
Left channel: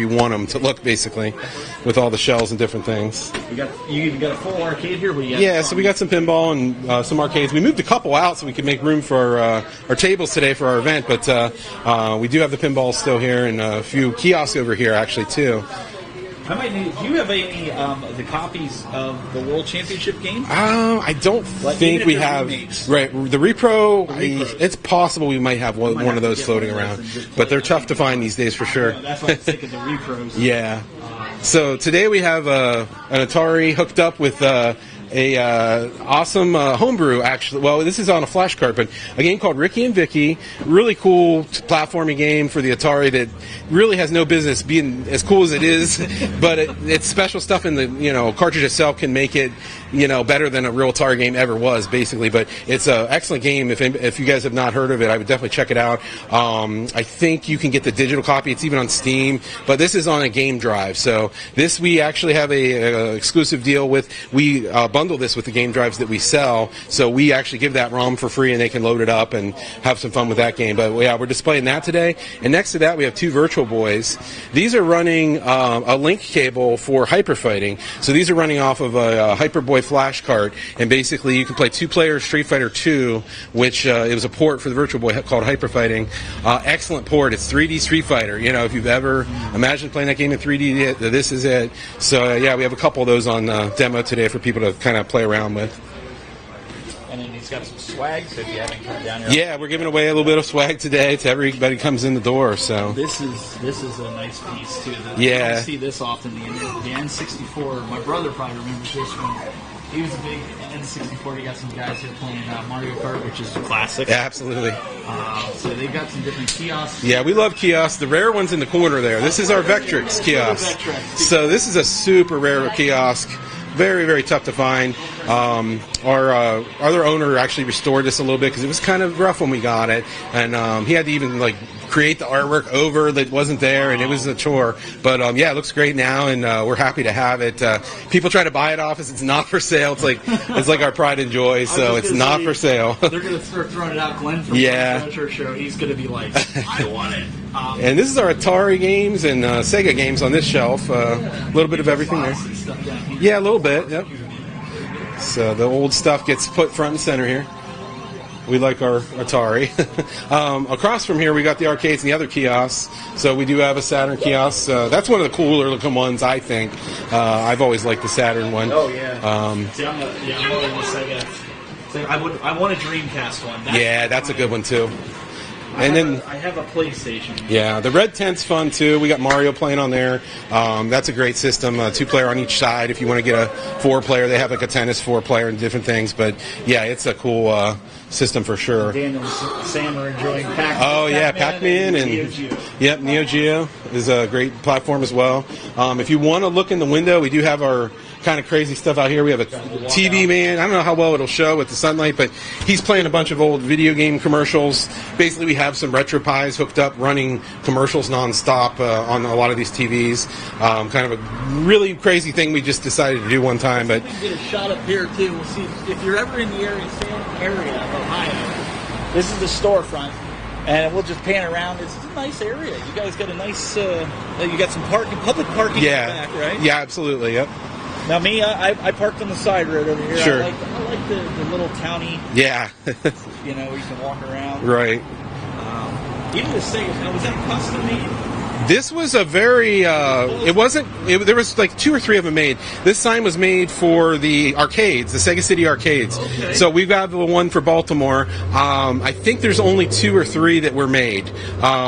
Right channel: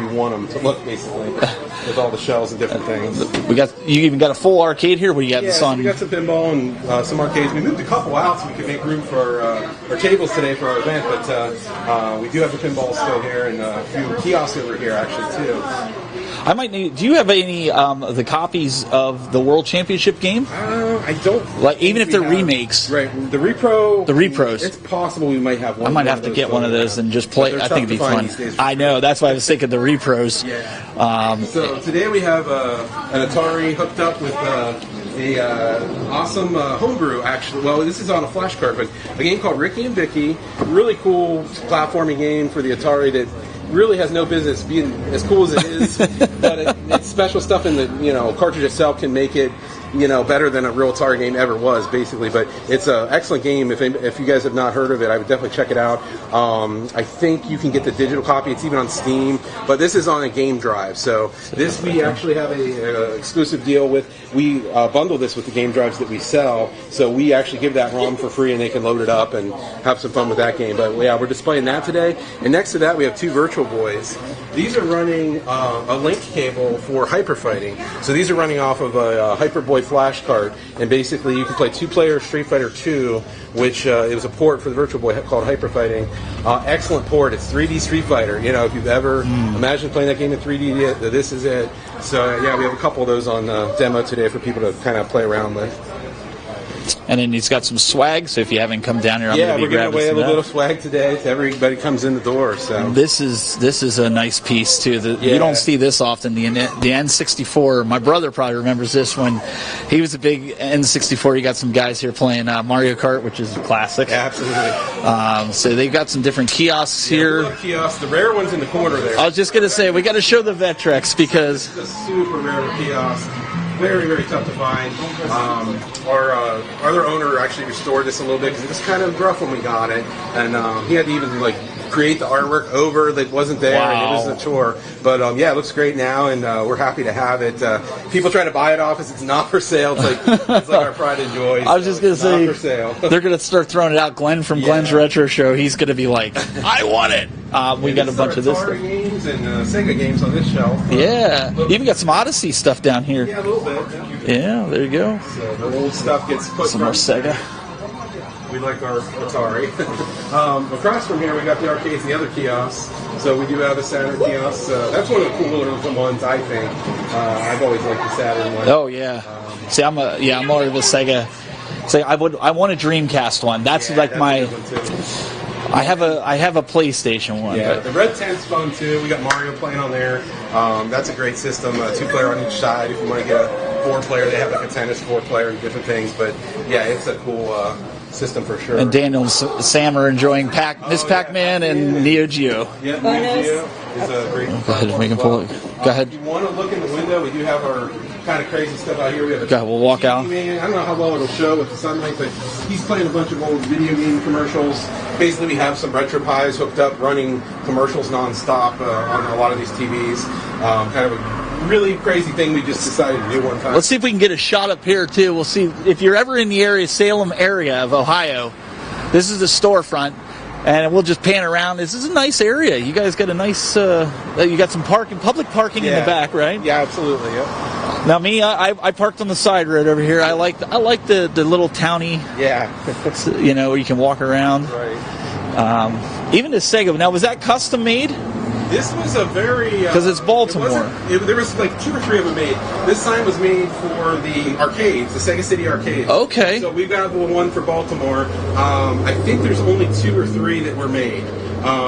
you want them to look, basically, with all the shells and different things. You even got a full arcade here. What do you got? Yeah, so we got some pinball and some arcades. We moved a couple out so we could make room for our tables today for our event, but we do have the pinball still here and a few kiosks over here actually too. I might need. Do you have any the copies of the World Championship game? I don't. Even if they're remakes, right? The repros. It's possible we might have one. I might have of those to get one of those and just play. But they're tough to find these days for sure. I know. That's why I was thinking of the repros. Yeah. So today we have an Atari hooked up with a awesome homebrew, actually. Well, this is on a flash card, but a game called Ricky and Vicky. Really cool platforming game for the Atari that really has no business being as cool as it is, but it's special stuff in the cartridge itself can make it better than a real Atari game ever was, basically. But it's an excellent game. If you guys have not heard of it, I would definitely check it out. I think you can get the digital copy. It's even on Steam, but this is on a game drive. So this we actually have a exclusive deal with. We bundle this with the game drives that we sell, so we actually give that ROM for free, and they can load it up and have some fun with that game. But yeah, we're displaying that today. And next to that, we have two Virtual Boys. These are running a link cable for hyperfighting. So these are running off of a Hyperboy flash card, and basically you can play two-player Street Fighter 2, which it was a port for the Virtual Boy called Hyperfighting. Excellent port. It's 3D Street Fighter. If you've ever imagined playing that game in 3D, this is it. So yeah, we have a couple of those on demo today for people to kind of play around with. And then he's got some swag, so if you haven't come down here, we're giving away a little bit of swag today to everybody who comes in the door. So this is a nice piece too. You don't see this often. The N64. My brother probably remembers this when he was a big N64. You got some guys here playing Mario Kart, which is a classic. Yeah, absolutely. So they've got some different kiosks here. Yeah, we love kiosks. The rare one's in the corner there. I was just going to say we got to show the Vectrex because this is a super rare kiosk. Very, very tough to find. Our other owner actually restored this a little bit because it was kind of rough when we got it, and he had to even create the artwork over that wasn't there, and it was a chore. But yeah, it looks great now, and we're happy to have it. People try to buy it off us. It's not for sale. It's like our pride and joy, so it's not for sale. They're going to start throwing it out. Glenn from Glenn's Retro Show, he's going to be like, I want it. And this is our Atari games and Sega games on this shelf. Yeah. You've got some Odyssey stuff down here. Yeah, a little bit. Yep. Yeah, there you go. So the old stuff gets put front center. We like our Atari. Across from here, we got the arcades and the other kiosks. So we do have a Saturn kiosk. That's one of the cooler looking ones, I think. I've always liked the Saturn one. Oh yeah. See, I'm only the Sega. So I want a Dreamcast one. That's a good one too. I have a PlayStation one. Yeah, the Red Tent's fun too. We got Mario playing on there. That's a great system. 2-player on each side. If you want to get a 4-player, they have like a tennis 4-player and different things. But yeah, it's a cool system for sure. And Daniel and Sam are enjoying Pac-Man and Neo Geo. Yep, Neo Geo is a great platform as well. If you want to look in the window, we do have our kind of crazy stuff out here. We have a TV man. I don't know how well it'll show with the sunlight, but he's playing a bunch of old video game commercials. Basically, we have some RetroPies hooked up running commercials nonstop on a lot of these TVs. Kind of a really crazy thing we just decided to do one time. Let's see if we can get a shot up here, too. We'll see. If you're ever in the area, Salem area of Ohio, this is the storefront. And we'll just pan around. This is a nice area. You guys got a nice, you got some public parking in the back, right? Yeah, absolutely, yep. Now me, I parked on the side right over here. Sure. I like the little towny. Yeah. Where you can walk around. Right. Even the Sega. Now, was that custom made? This was a very because it's Baltimore. It wasn't. There was like 2 or 3 of them made. This sign was made for the arcades, the Sega City arcades. Okay. So we've got the one for Baltimore. I think there's only 2 or 3 that were made.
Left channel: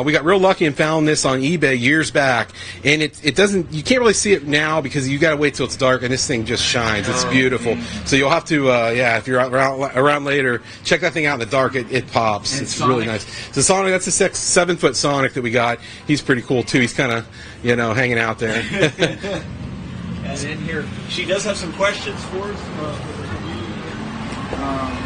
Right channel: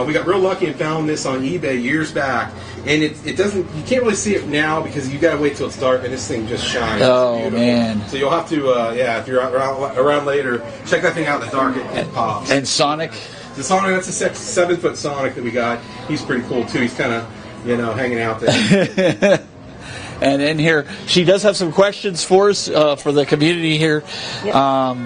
We got real lucky and found this on eBay years back, and it doesn't. You can't really see it now because you got to wait till it's dark, and this thing just shines. It's beautiful. Man. So you'll have to, if you're around later, check that thing out in the dark. It pops. And it's Sonic. Really nice. So Sonic, that's a 7-foot Sonic that we got. He's pretty cool too. He's kind of, hanging out there. And in here, she does have some questions for us, for the community here. Yep.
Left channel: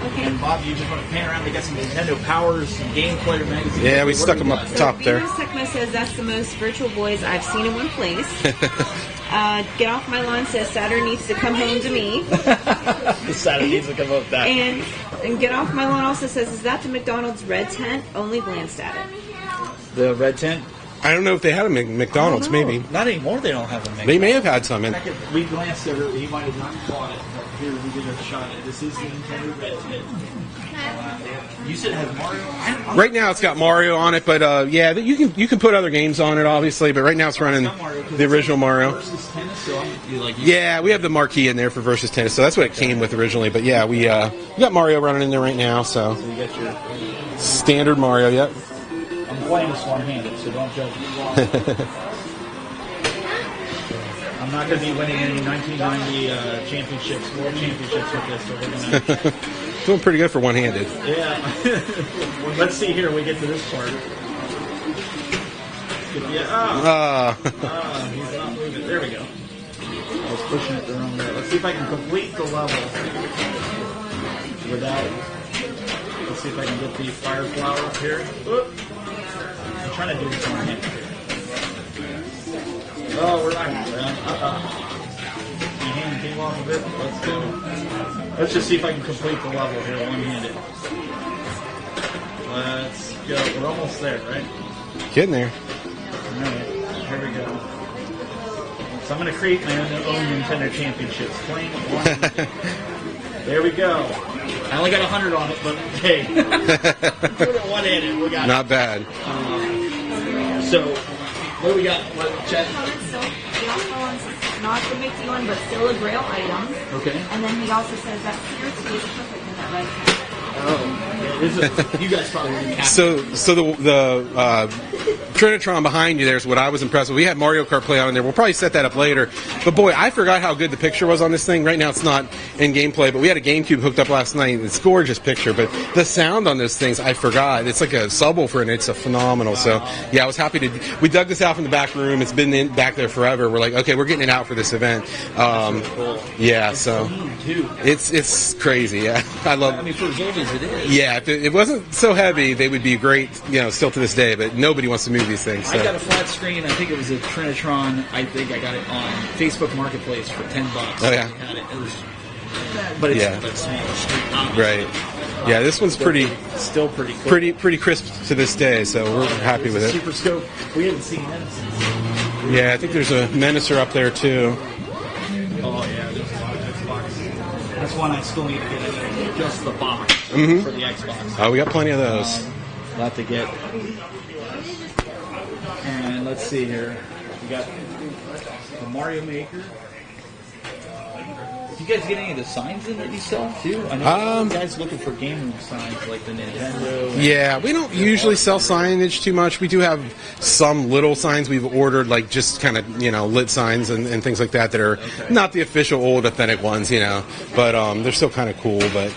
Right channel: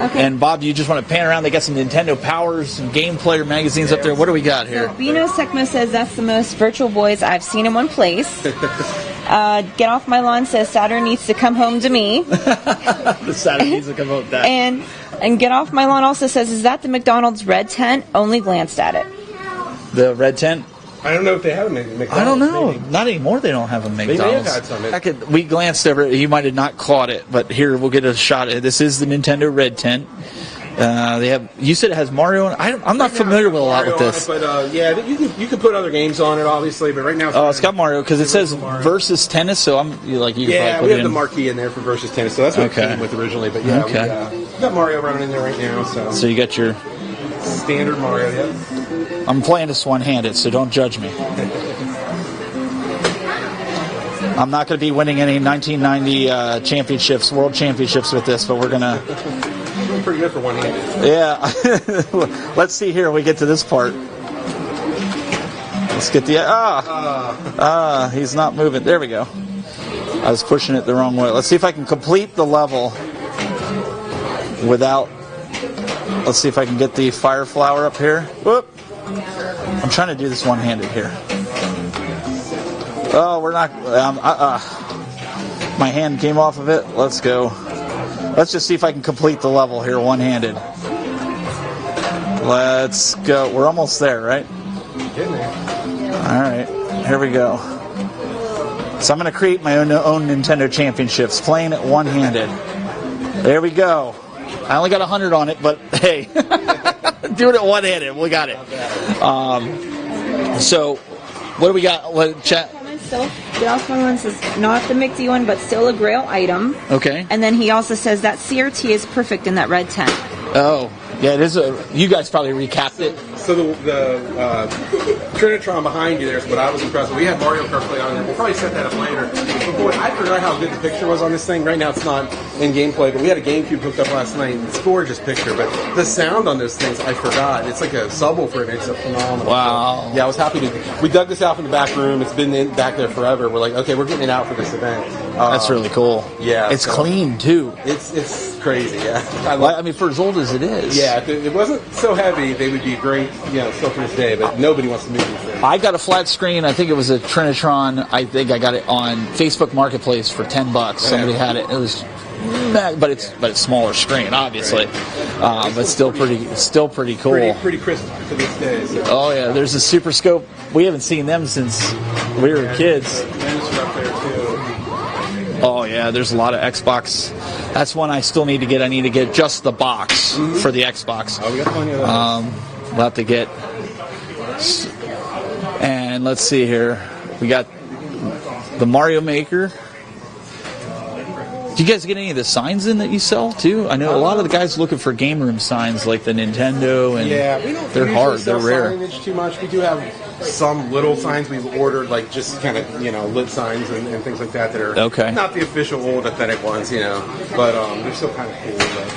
Okay. And Bob, you just want to pan around. They got some Nintendo Powers and Game Player magazines up there. What do we got here? Bino Sekma says that's the most virtual boys I've seen in one place. Get Off My Lawn says Saturn needs to come home to me. The Saturn needs to come home to that. And Get Off My Lawn also says, is that the McDonald's red tent? Only glanced at it. The red tent? I don't know if they had a McDonald's, maybe. Not anymore, they don't have a McDonald's. They may have had some. We glanced over it. You might have not caught it, but here, we'll get a shot at it. This is the Nintendo Red Tent. They have. You said it has Mario on it? I'm not familiar with Mario on it, but you can put other games on it, obviously, but right now it's got Mario, because it says Versus Tennis, so we have the marquee in there for Versus Tennis, so that's what it came with originally, but we got Mario running in there right now, so. So you got your standard Mario, yep. I'm playing this one-handed, so don't judge me. I'm not going to be winning any 1990 world championships with this, but we're going to... Doing pretty good for one-handed. Yeah. Let's see here when we get to this part. Let's get the... he's not moving. There we go. I was pushing it the wrong way. Let's see if I can complete the level without... Let's see if I can get the fire flower up here. Whoop. I'm trying to do this one-handed here. Oh, we're not... My hand came off of it. Let's go. Let's just see if I can complete the level here one-handed. Let's go. We're almost there, right? Getting there. All right. Here we go. So I'm going to create my own Nintendo Championships, playing it one-handed. There we go. I only got 100 on it, but hey, doing it one-handed, we got it. Not bad. So, what do we got? Chet? So, the Oscar one says not the McD one, but still a Grail item. Okay. And then he also says that CRT is perfect in that red tent. Oh, yeah, it is. You guys probably recapped it. So the Trinitron behind you there is what I was impressed with. We had Mario Kart play on there. We'll probably set that up later. But boy, I forgot how good the picture was on this thing. Right now it's not in gameplay, but we had a GameCube hooked up last night, and it's a gorgeous picture. But the sound on those things, I forgot. It's like a subwoofer, and it's a phenomenal. Wow. So yeah, I was happy to. We dug this out from the back room. It's been back there forever. We're like, okay, we're getting it out for this event. That's really cool. Yeah, it's clean too. It's crazy. Yeah, I mean, for as old as it is. Yeah. Yeah, if it wasn't so heavy, they would be great, still to this day, but nobody wants to move these things. So. I got a flat screen. I think it was a Trinitron. I think I got it on Facebook Marketplace for $10. Somebody had it. It was, but it's smaller screen, obviously. Right. Yeah, this one's still pretty cool. Pretty crisp to this day. So there's a Super Scope. We haven't seen them since we were kids. There's a Menacer up there too. Oh yeah, there's a lot of Xbox. That's one I still need to get. I need to get just the box for the Xbox. Oh, we got plenty of those. We'll have to get. And let's see here. We got the Mario Maker. Do you guys get any of the signs in that you sell too? I know a lot of the guys looking for game room signs like the Nintendo. And we don't usually sell signage too much. We do have some little signs we've ordered, like just kind of lit signs and things like that are not the official old authentic ones, but they're still kind of cool. But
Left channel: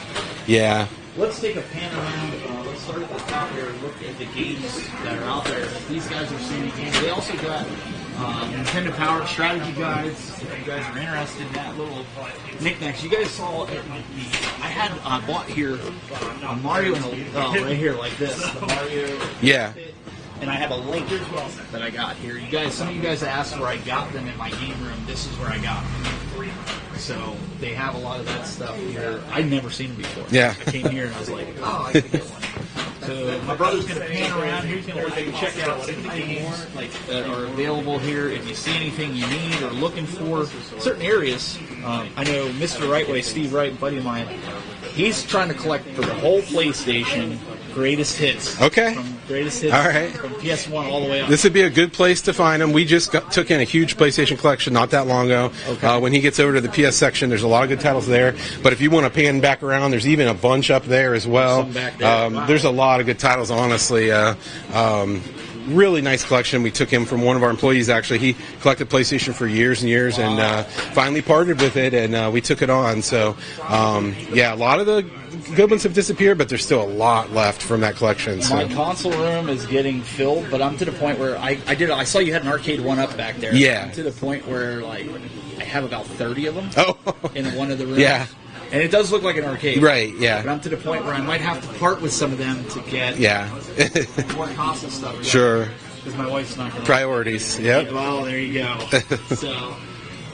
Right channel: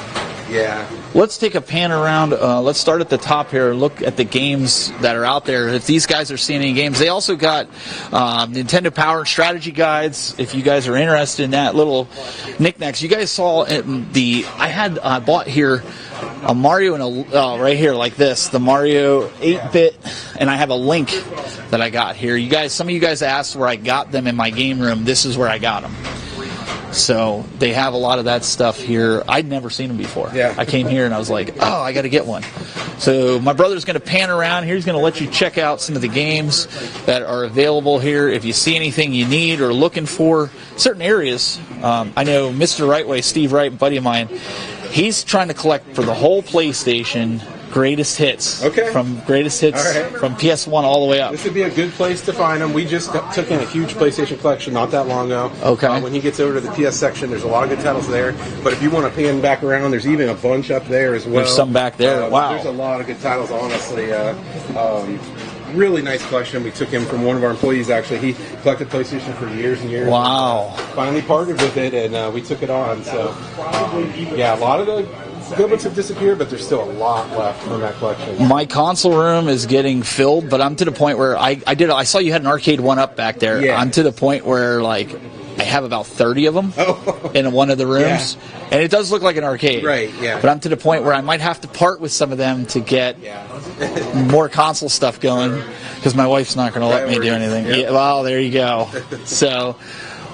yeah. Let's take a pan around. Let's start at the top here. Look at the games that are out there. If these guys are seeing any games, they also got Nintendo Power strategy guides. If you guys are interested in that, little knickknacks. You guys saw I bought here a Mario and right here like this, the Mario 8-bit, and I have a link that I got here. Some of you guys asked where I got them in my game room. This is where I got them. So they have a lot of that stuff here. I'd never seen them before. Yeah. I came here and I was like, oh, I got to get one. So my brother's going to pan around here. He's going to let you check out some of the games that are available here. If you see anything you need or looking for certain areas, I know Mr. Rightway, Steve Wright, buddy of mine, he's trying to collect for the whole PlayStation greatest hits. Okay. From greatest hits from PS1 all the way up. This would be a good place to find them. We just took in a huge PlayStation collection not that long ago. Okay. When he gets over to the PS section, there's a lot of good titles there. But if you want to pan back around, there's even a bunch up there as well. There's some back there. Wow. There's a lot of good titles, honestly. Really nice collection. We took him from one of our employees, actually. He collected PlayStation for years and years and finally partnered with it, and we took it on. So, a lot of the good ones have disappeared, but there's still a lot left from that collection. So. My console room is getting filled, but I'm to the point where I saw you had an arcade 1-up back there. Yeah. I'm to the point where I have about 30 of them in one of the rooms. Yeah. And it does look like an arcade. Right, yeah. But I'm to the point where I might have to part with some of them to get more console stuff going. Sure. Because my wife's not going to let me do anything. Yep. Yeah, well, there you go. So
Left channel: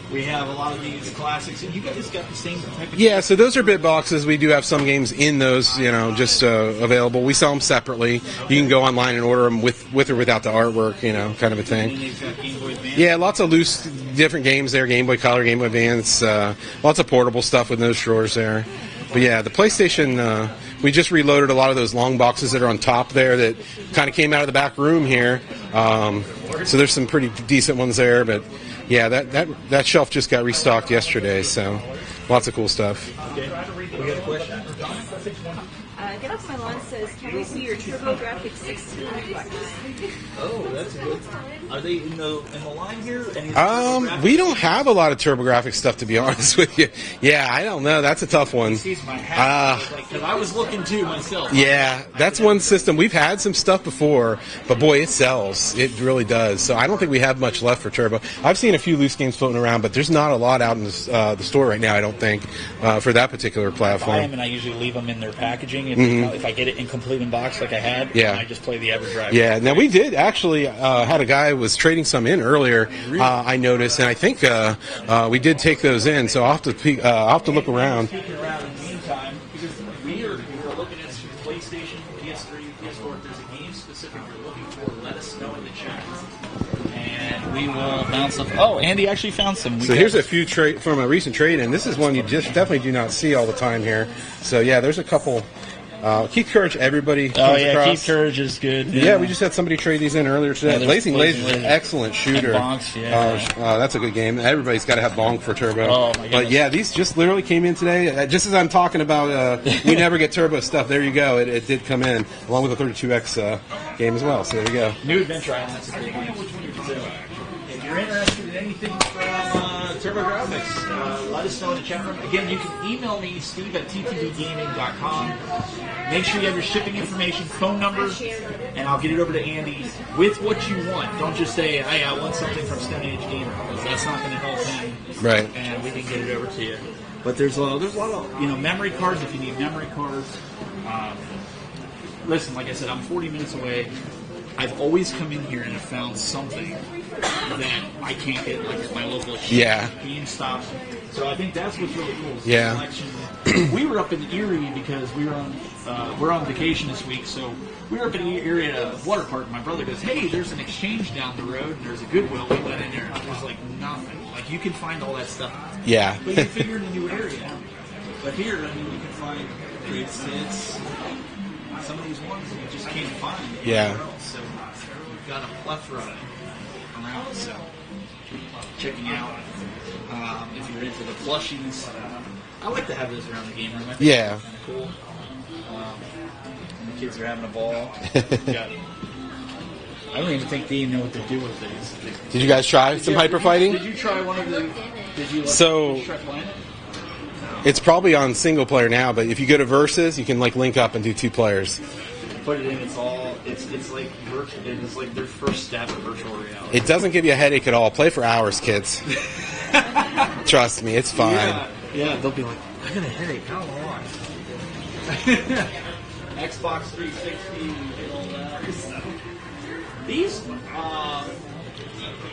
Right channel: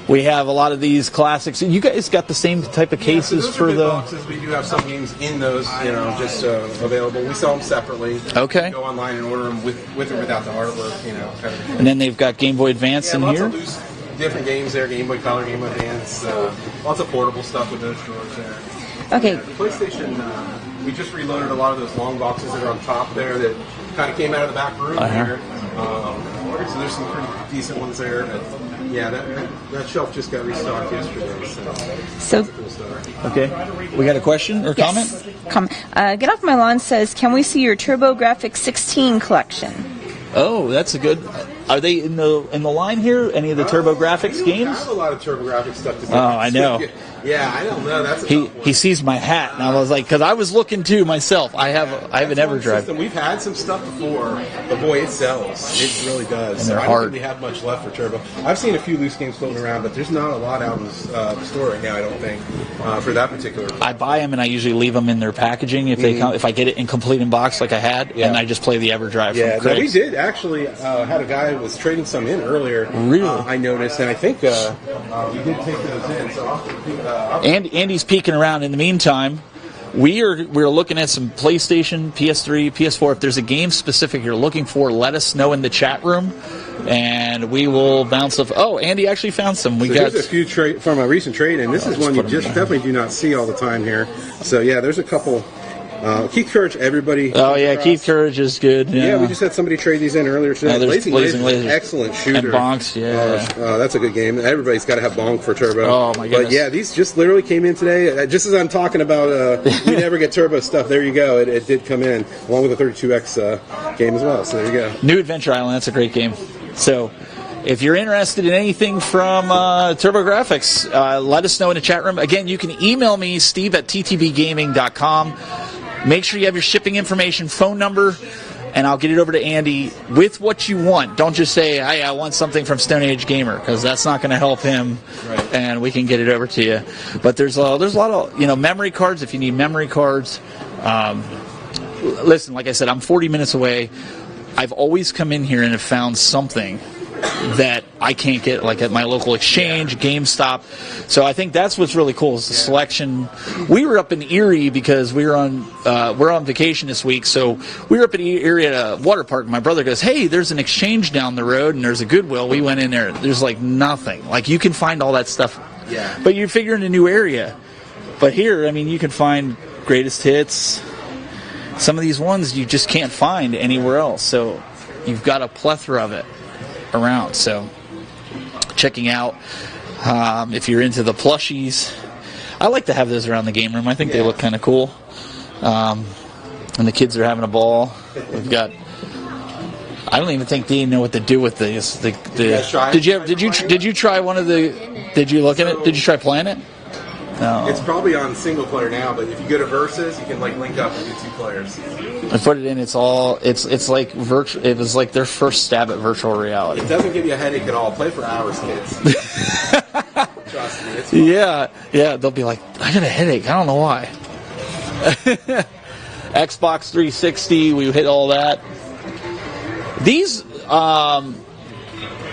we have a lot of these classics. You guys got the same type of cases? Yeah, so those are bit boxes. We do have some games in those, just available. We sell them separately. Okay. You can go online and order them with or without the artwork, kind of a thing. And then they've got Game Boy Advance in lots here? of loose, different games there. Game Boy Color, Game Boy Advance. Lots of portable stuff with those drawers there. But the PlayStation, we just reloaded a lot of those long boxes that are on top there that kind of came out of the back room here. So there's some pretty decent ones there, but yeah, that shelf just got restocked yesterday, so lots of cool stuff. Okay. We got a question or comment? Get Off My Lawn says, can we see your TurboGrafx 16 collection? Oh, that's a good. Are they in the line here? Any of the TurboGrafx We don't games? have a lot of TurboGrafx stuff, to be honest I know. with you. Yeah, I don't know. That's a tough one. He sees my hat, and I was like, because I was looking too myself. Yeah, I have that's one system. We've had some stuff before, but boy, it sells. It really does. So I don't think we have much left for Turbo. I've seen a few loose games floating around, but there's not a lot out in the store right now, I don't think, for that particular platform. I buy them, and I usually leave them in their packaging if they come, if I get it in complete in box like I had, and I just play the EverDrive. Yeah, now we did actually had a guy who was trading some in earlier. Really? I noticed, and I think we did take those in. So I'll have to look around. Andy's peeking around. In the meantime, we're looking at some PlayStation, PS3, PS4. If there's a game specific you're looking for, let us know in the chat room, and we will bounce off. Oh, Andy actually found some. Here's a few from a recent trade, and this is one you just definitely do not see all the time here. So yeah, there's a couple. Keith Courage, everybody. Oh yeah, across. Keith Courage is good. Yeah, we just had somebody trade these in earlier today. Blazing Laser, excellent shooter. And Bonks, that's a good game. Everybody's got to have Bonk for Turbo. Oh my goodness. But yeah, these just literally came in today. Just as I'm talking about, we never get Turbo stuff. There you go. It did come in along with the 32X game as well. So there you go. New Adventure Island. That's a great game. So. If you're interested in anything from TurboGrafx, let us know in the chat room. Again, you can email me, steve@ttbgaming.com. Make sure you have your shipping information, phone number, and I'll get it over to Andy with what you want. Don't just say, hey, I want something from Stone Age Gamer, because that's not going to help him. Right. And we can get it over to you. But there's a lot of memory cards if you need memory cards. listen, like I said, I'm 40 minutes away. I've always come in here and have found something that I can't get, like at my local exchange, GameStop. So I think that's what's really cool is the selection. We were up in Erie because we're on vacation this week. So we were up in Erie at a water park. And my brother goes, "Hey, there's an exchange down the road, and there's a Goodwill." We went in there. There's like nothing. Like you can find all that stuff. Yeah. But you figure in a new area. But here, I mean, you can find greatest hits. Some of these ones you just can't find anywhere else. So you've got a plethora of it around. So checking out. If you're into the plushies, I like to have those around the game room. I think they look kind of cool. And the kids are having a ball. We've got. I don't even think they know what to do with these. Did you guys try? Did you try one of the? Did you look at it? Did you try playing it? No. It's probably on single player now, but if you go to Versus, you can like link up and do 2 players. I put it in. It's like virtual. It was like their first stab at virtual reality. It doesn't give you a headache at all. Play for hours, kids. Trust me, it's fine. Yeah. They'll be like, I got a headache. I don't know why. Xbox 360. We hit all that. These. Have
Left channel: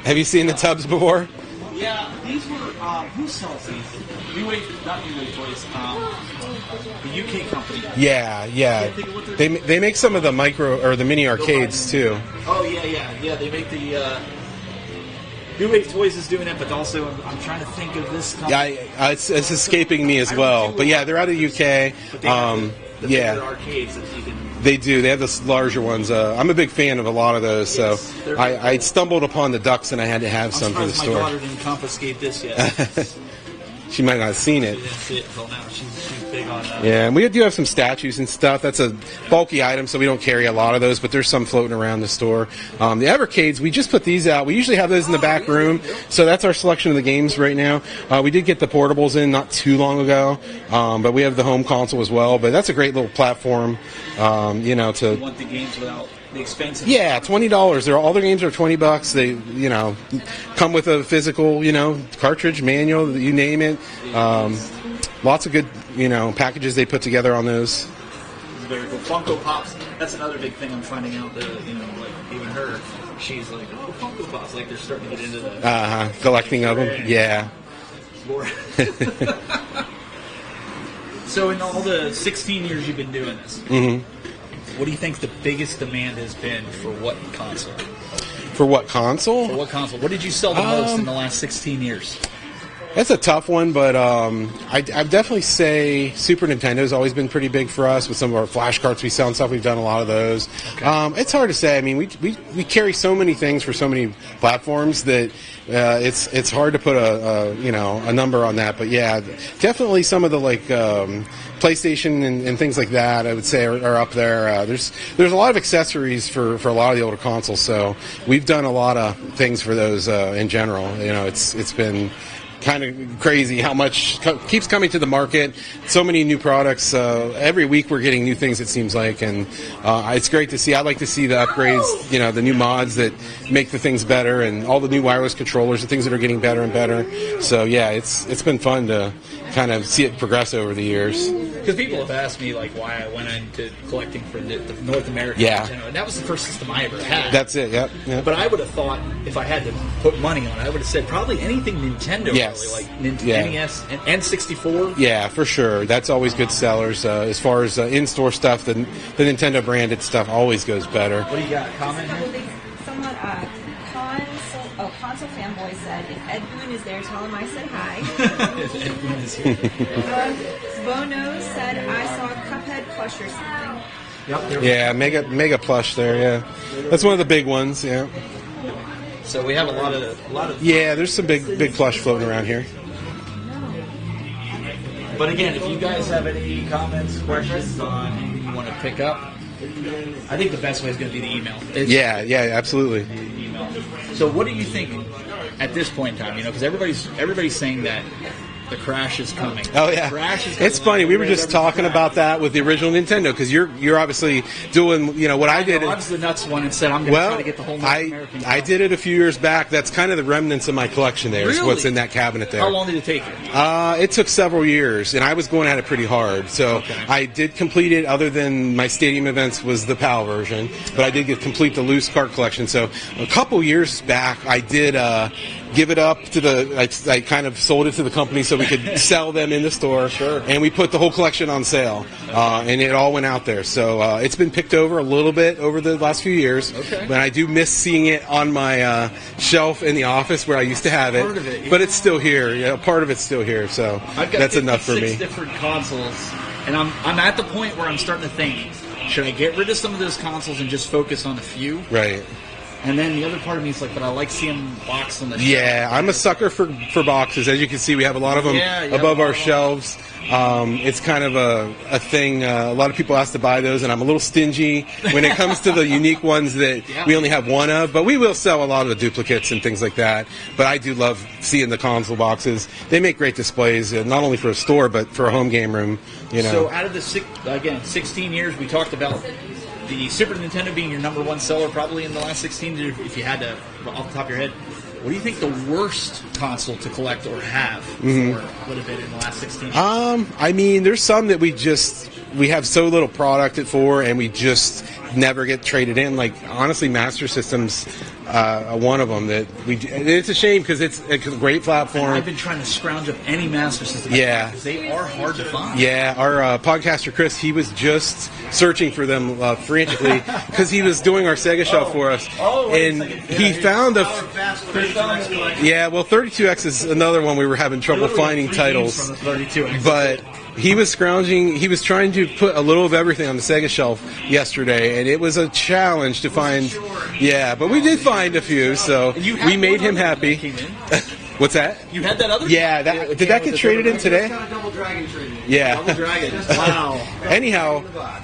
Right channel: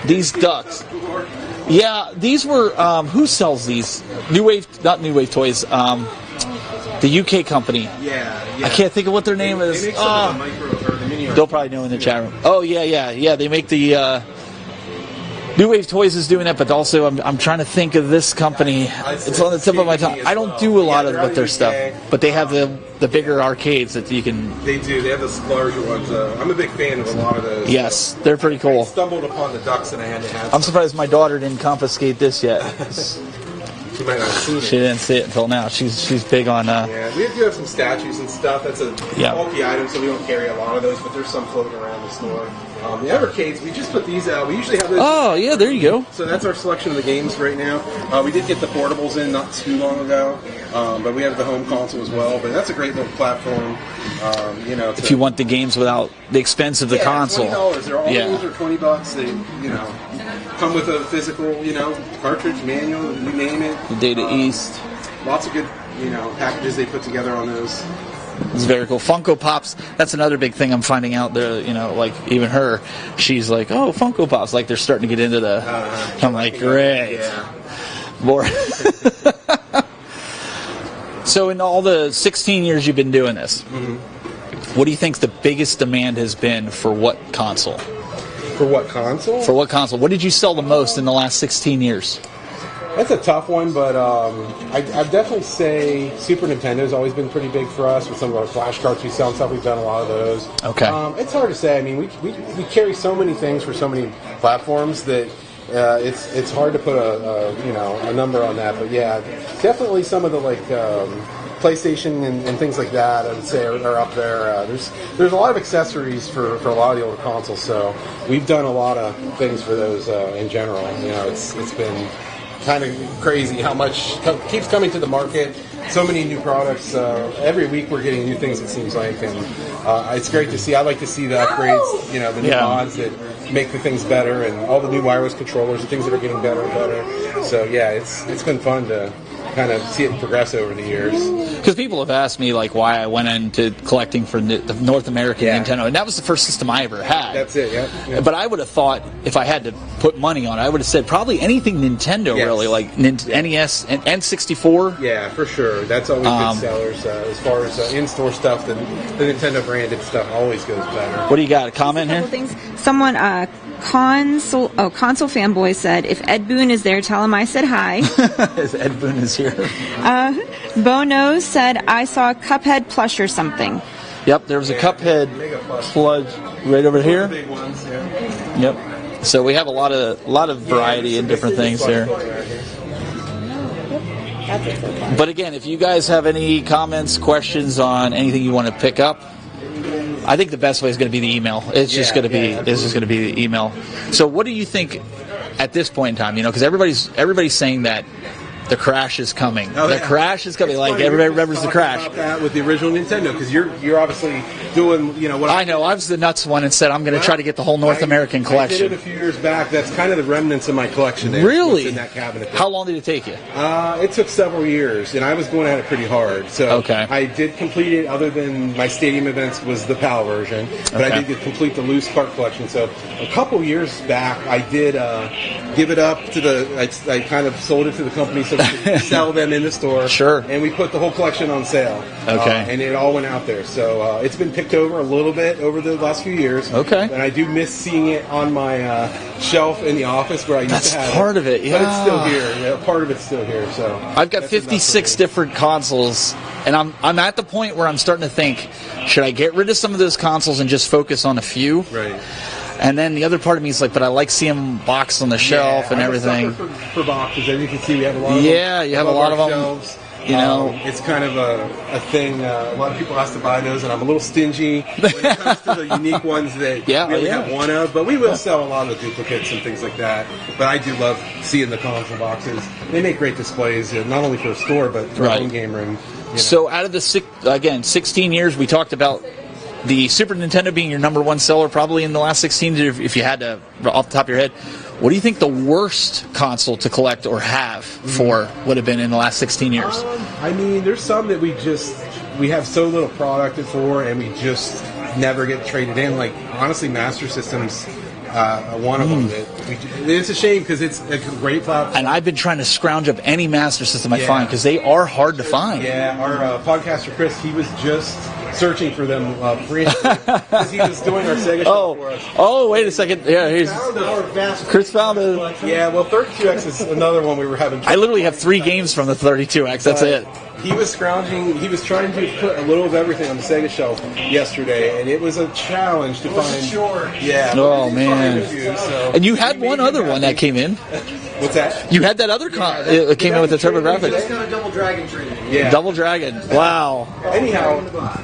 you seen the tubs before? Yeah, these were. Who sells these? Not New Wave Toys. The UK company. Yeah. I can't think of what their name is. They make some of the micro or the mini arcades too. Oh yeah. They make the New Wave Toys is doing it, but also I'm trying to think of this company. It's escaping me as well. I don't do a lot of their stuff, but they have the bigger arcades that you can. They do. They have the larger ones. I'm a big fan of a lot of those. Yes, so they're pretty cool. I stumbled upon the ducks and I had to have. I'm surprised my daughter didn't confiscate this yet. She might not have seen it. She didn't see it until now. She's big on. Yeah, we do have some statues and stuff. That's a bulky item, so we don't carry a lot of those. But there's some floating around the store. The Evercades, we just put these out. We usually have those in the back room. There you go. So that's our selection of the games right now. We did get the portables in not too long ago, but we have the home console as well. But that's a great little platform. If you want the games without the expense of the console. $20. All the games are $20. They, come with a physical, cartridge, manual, you name it. The Data East. Lots of good, packages they put together on those. It's very cool. Funko Pops, that's another big thing I'm finding out there, like even her, she's like, oh, Funko Pops, like they're starting to get into the collecting them. Yeah. More. So in all the 16 years you've been doing this, what do you think the biggest demand has been for what console? For what console? For what console? What did you sell the most in the last 16 years? That's a tough one, but I'd definitely say Super Nintendo's always been pretty big for us with some of our flash carts we sell and stuff. We've done a lot of those. Okay. It's hard to say. I mean, we carry so many things for so many platforms that it's hard to put a number on that. But yeah, definitely some of the PlayStation and things like that, I would say, are up there. There's a lot of accessories for a lot of the older consoles, so we've done a lot of things for those in general. It's been kind of crazy how much keeps coming to the market. So many new products. Every week we're getting new things, it seems like, and it's great to see. I like to see the upgrades, the new mods that make the things better, and all the new wireless controllers and things that are getting better and better. So yeah, it's been fun to kind of see it progress over the years. Because people have asked me why I went into collecting for the North American Nintendo, and that was the first system I ever had. That's it. Yep. But I would have thought if I had to put money on it, I would have said probably anything Nintendo, really, like NES and N64. Yeah, for sure. That's always good sellers. As far as in-store stuff, the Nintendo branded stuff always goes better. What do you got? A comment here? Someone, console fanboy said, if Ed Boon is there, tell him I said hi. If Ed Boon is here. Bono said, I saw a Cuphead plush or something. Yep, there was a Cuphead mega plush there. Right over That's here. one of the big ones. Yeah. Yep. So we have a lot of variety of different things plush there. Floating around here. But again, if you guys have any comments, questions on anything you want to pick up, I think the best way is going to be the email. It's just going to be the email. So what do you think at this point in time? Because everybody's saying that the crash is coming. Oh, the yeah. crash is coming. It's like, funny. We everybody were just remembers the talking crash. about that with the original Nintendo because you're obviously doing what I did. I was the nuts one and said I'm going to try to get the whole North American collection. I did it a few years back. That's kind of the remnants of my collection. There is what's in that cabinet there. How long did it take you? It took several years, and I was going at it pretty hard. So I did complete it. Other than my stadium events was the PAL version, but I did complete the loose cart collection. So a couple years back, I did give it up to the. I kind of sold it to the company so we could sell them in the store. Sure. And we put the whole collection on sale. And it all went out there. So it's been picked over a little bit over the last few years. Okay. But I do miss seeing it on my shelf in the office where I used to have it. Part of it, yeah. But it's still here. Yeah, part of it's still here. So I've got that's 56 different consoles, and I'm at the point where I'm starting to think, should I get rid of some of those consoles and just focus on a few? Right. And then the other part of me is like, but I like seeing them boxed on the shelf. Yeah, and I'm everything. a sucker for boxes. As you can see, we have a lot of them above our shelves. It's kind of a thing. A lot of people ask to buy those, and I'm a little stingy when it comes to the unique ones that we only have one of. But we will sell a lot of the duplicates and things like that. But I do love seeing the console boxes. They make great displays, not only for a store, but for a home game room. So out of the 16 years, we talked about the Super Nintendo being your number one seller probably in the last 16, if you had to, off the top of your head. What do you think the worst console to collect or have for would have been in the last 16 years? I mean, there's some that we have so little product for, and we just never get traded in. Like, honestly, Master Systems, one of them that it's a shame because it's a great platform. And I've been trying to scrounge up any Master System I find because they are hard to find. Yeah, our podcaster Chris, he was just searching for them frantically because he was doing our Sega shelf for us. Oh, wait a second. Yeah, he found Chris found it. Yeah, well, 32X is another one we were having trouble finding. I literally have 3 games from the 32X. That's it. He was scrounging. He was trying to put a little of everything on the Sega shelf yesterday, and it was a challenge to find. Yeah, but we did find a few. So and you had we made one other him one that came in. What's that? You had that other that came in with the traded in today. Got a Double Dragon trade. Yeah, Double Dragon. Wow. Anyhow,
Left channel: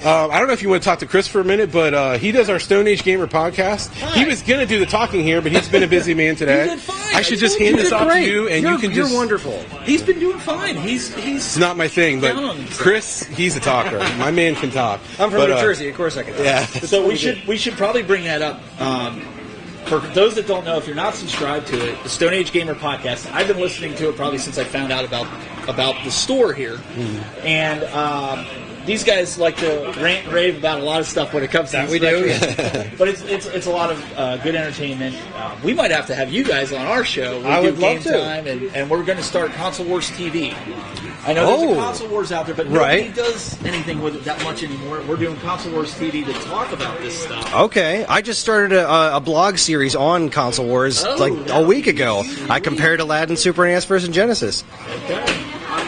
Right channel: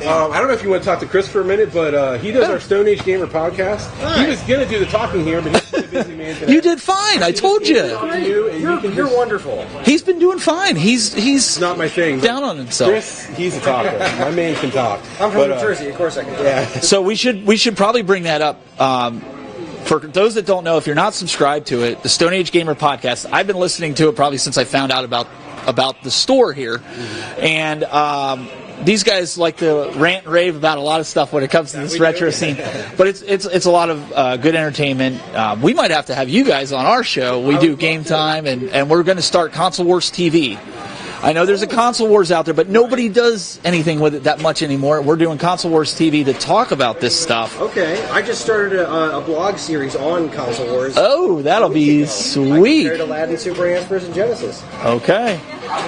I don't know if you want to talk to Chris for a minute, but he does our Stone Age Gamer podcast. He was going to do the talking here, but he's been a busy man today. You did fine. I should just hand this off to you, and you can just. You're wonderful. He's been doing fine. He's It's not my thing. down on himself. Chris, he's a talker. My man can talk. I'm from New Jersey. Of course I can. Yeah. So we should probably bring that up. For those that don't know, if you're not subscribed to it, the Stone Age Gamer podcast, I've been listening to it probably since I found out about the store here. And these guys like to rant and rave about a lot of stuff when it comes to this retro scene. But it's a lot of good entertainment. We might have to have you guys on our show. We do Game Time, and we're going to start Console Wars TV. I know there's a Console Wars out there, but nobody does anything with it that much anymore. We're doing Console Wars TV to talk about this stuff. Okay, I just started a blog series on Console Wars that'll a week be ago. sweet. I compared Aladdin, Super NES versus Genesis. Okay.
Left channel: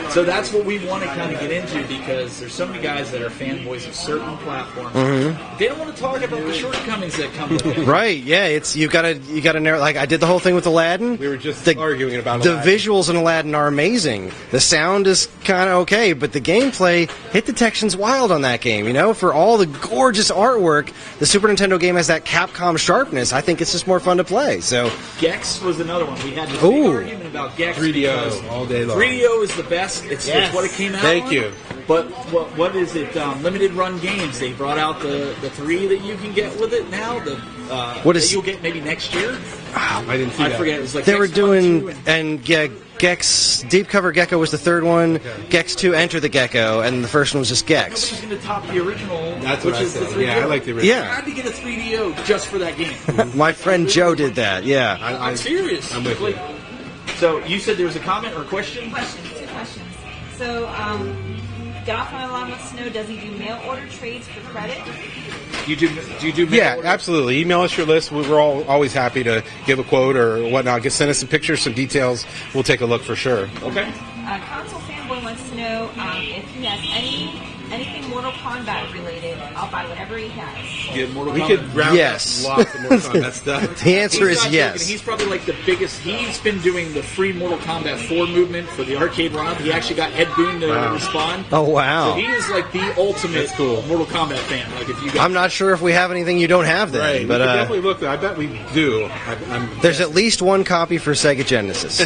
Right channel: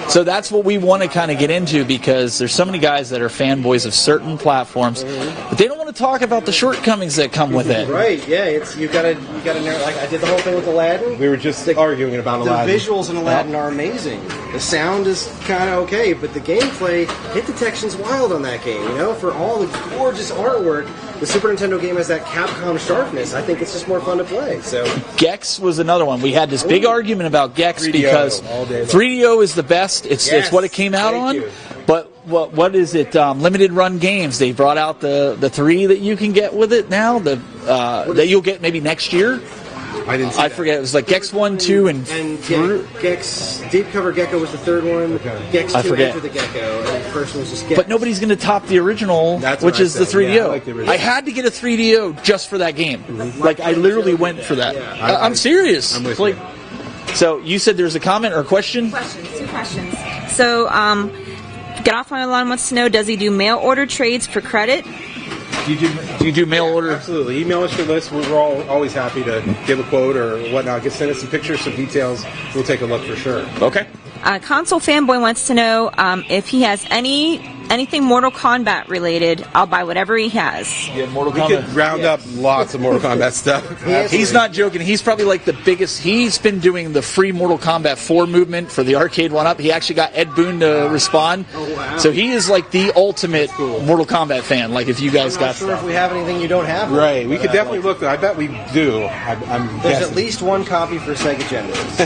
So that's what we want to kind of get into because there's so many guys that are fanboys of certain platforms, but they don't want to talk about the shortcomings that come with it. Right? Yeah, it's you gotta narrow. Like I did the whole thing with Aladdin. We were just arguing about the Aladdin. visuals in Aladdin are amazing. The sound is kind of okay, but the gameplay, hit detection's wild on that game. You know, for all the gorgeous artwork, the Super Nintendo game has that Capcom sharpness. I think it's just more fun to play. So Gex was another one. We had this big argument about Gex 3DO, because all day long. 3DO is the best. It's what it came out on. Thank you. But what is it? Limited run games. They brought out the 3 that you can get with it now. That you'll get maybe next year. I didn't see that. I forget. It was like they Gex were 1, doing 2, and Gex Deep Cover Gecko was the third one. Okay. Gex I 2 forget. Enter the Gecko, and the first one was just Gex. But nobody's going to top the original, That's which what I is the said. 3DO. Yeah, I like the original. I had to get a 3DO just for that game. My friend I Joe literally did went for that. Yeah, I'm serious. I'm with Like, you. so you said there's a comment or a question? Two questions. So, Get Off My Lawn wants to know, does he do mail order trades for credit? Do you do mail order? Absolutely. Email us your list. We're always happy to give a quote or whatnot. Send us some pictures, some details. We'll take a look for sure. Okay. Console Fanboy wants to know if he has any anything Mortal Kombat related, I'll buy whatever he has. You have Mortal We Kombat? could round Yes. up lots of Mortal Kombat stuff. The answer He's is not yes. joking. He's probably like the biggest. He's been doing the free Mortal Kombat 4 movement for the arcade one-up. He actually got Ed Boon to respond. Oh, wow. So he is like the ultimate That's cool. Mortal Kombat fan. Like if you guys I'm not got sure stuff. if we have anything you don't have. There, Right. We but, could definitely look. I bet we do. I'm There's guessing. at least one copy for Sega Genesis.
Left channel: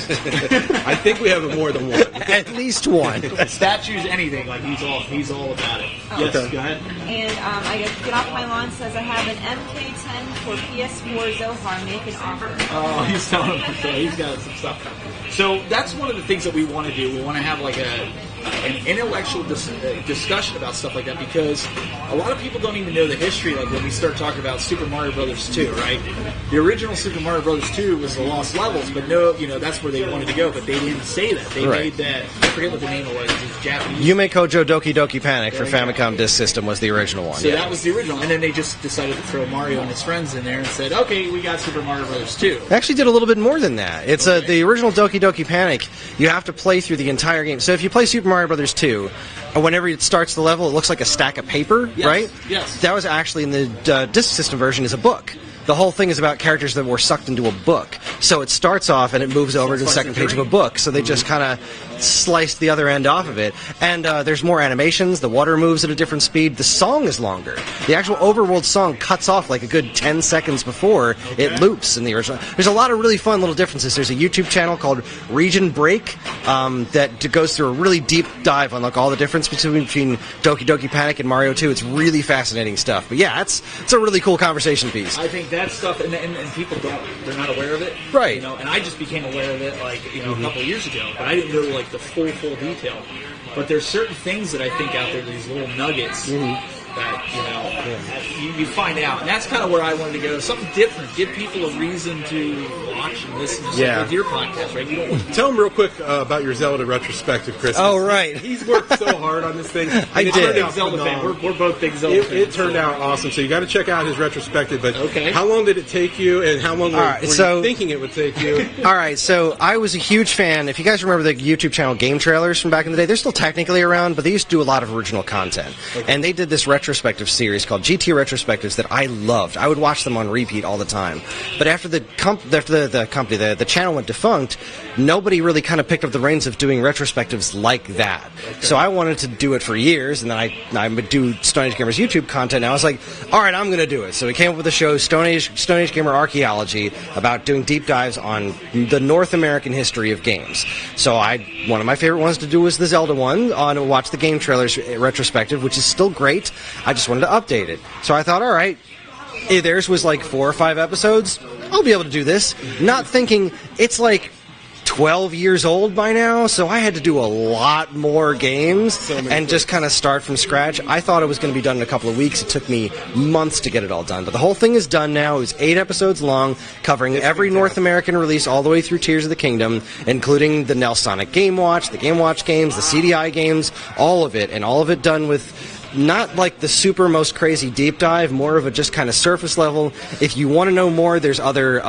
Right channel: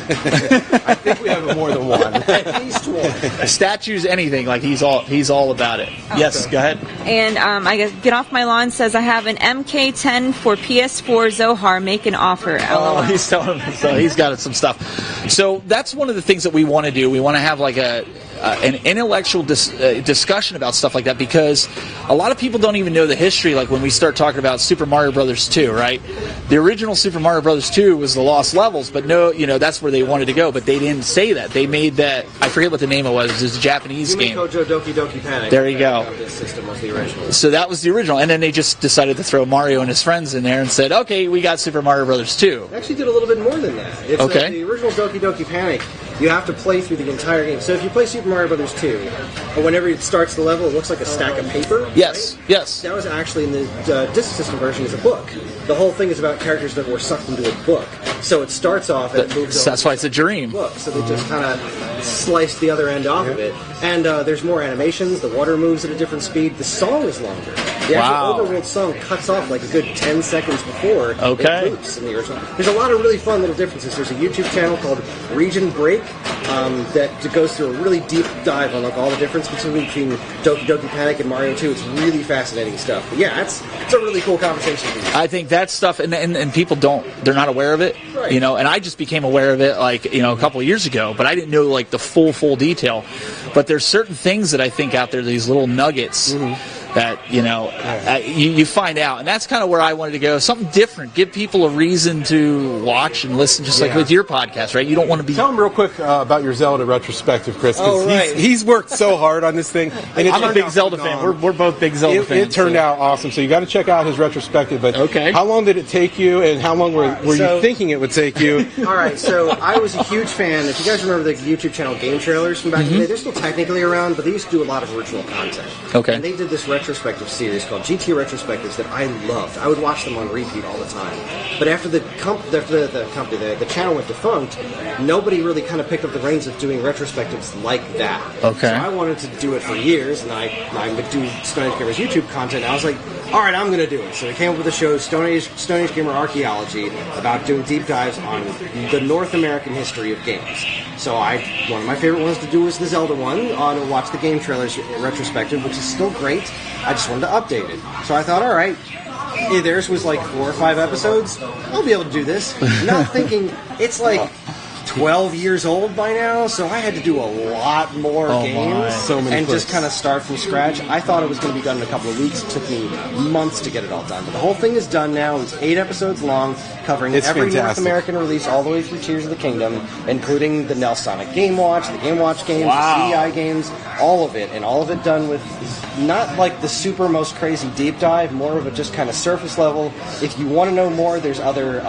I think we have more than one. At least one. Statues, anything. Like he's all about it. Yes, go ahead. And I guess Get Off My Lawn says, I have an MK10 for PS4 Zohar. Make an offer. Oh, he's telling us, so he's got some stuff. So that's one of the things that we want to do. We want to have like an intellectual discussion about stuff like that, because a lot of people don't even know the history. Like when we start talking about Super Mario Brothers 2, right? The original Super Mario Brothers 2 was the Lost Levels, but no, that's where they wanted to go. But they didn't say that. They made that. I forget what the name it was. It was a Japanese Yume game. Kojo Doki Doki Panic There for you go. Famicom Disk System was the original one. So that was the original, and then they just decided to throw Mario and his friends in there and said, "Okay, we got Super Mario Brothers 2." They actually did a little bit more than that. It's Okay. the original Doki Doki Panic. You have to play through the entire game. So if you play Super Mario Brothers 2, and whenever it starts the level, it looks like a stack of paper, Yes, right? yes. That was actually in the Disk System version is a book. The whole thing is about characters that were sucked into a book. So it starts off and it moves over to That's the why it's a second page of a dream. book. So they just kind of sliced the other end off of it. And there's more animations. The water moves at a different speed. The song is longer. The actual Wow. overworld song cuts off like a good 10 seconds before Okay. it loops in the original. There's a lot of really fun little differences. There's a YouTube channel called Region Break that goes through a really deep dive on like all the difference between Doki Doki Panic and Mario 2. It's really fascinating stuff. But yeah, it's a really cool conversation piece. I think that stuff, and people they're not aware of it, Right. And I just became aware of it like a couple of years ago, but I didn't know like the full detail. But there's certain things that I think out there, these little nuggets that you find out, and that's kind of where I wanted to go. Something different, give people a reason to watch and listen, just like Yeah. with your podcast, right? You don't want to be. Tell him real quick about your Zelda retrospective, Chris. 'cause Oh, right. He's worked so hard on this thing. I'm a big Zelda fan. We're both big Zelda It fans. turned out awesome, so you got to check out his retrospective. But Okay. how long did it take you, and how long were you thinking it would take you? All right, so I was a huge fan. If you guys remember the YouTube channel Game Trailers from back in the day, they're still technically around, but they used to do a lot of original content. Okay. And they did this retrospective series called GT Retrospectives that I loved. I would watch them on repeat all the time. But after the channel went defunct, nobody really kind of picked up the reins of doing retrospectives like that. Okay. So I wanted to do it for years, and then I would do Stone Age Gamer's YouTube content, and I was like, all right, I'm going to do it. So we came up with a show, Stone Age Gamer Archaeology, about doing deep dives on the North American history of games. So one of my favorite ones to do was the Zelda one, to watch the Game Trailers retrospective, which is still great. I just wanted to update it. So I thought, all right, theirs was like 4 or 5 episodes. I'll be able to do this. Not thinking it's like 12 years old by now, so I had to do a lot more games So many and just clips. kind of start from scratch. I thought it was going to be done in a couple of weeks. It took me months to get it all done, but the whole thing is done now. It's 8 episodes long, covering It's every North fantastic. American release all the way through Tears of the Kingdom, including the Nelsonic Game Watch, the Game Watch games, the CDI games, all of it, and all of it done with not like the super most crazy deep dive, more of a just kind of surface level. If you want to know more, there's other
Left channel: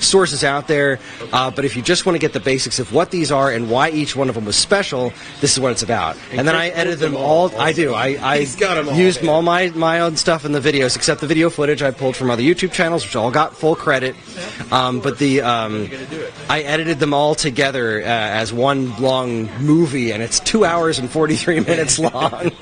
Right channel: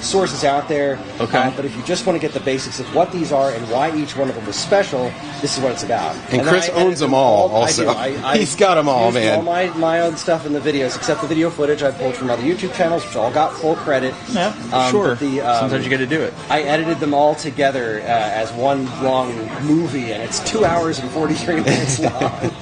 sources out there. Okay. But if you just want to get the basics of what these are and why each one of them was special, this is what it's about. And then Chris I edited owns them all, I also. do. I He's got 'em all, used man. all my own stuff in the videos, except the video footage I pulled from other YouTube channels, which all got full credit. Sure. But the Sometimes you got to do it. I edited them all together as one long movie, and it's 2 hours and 43 minutes long.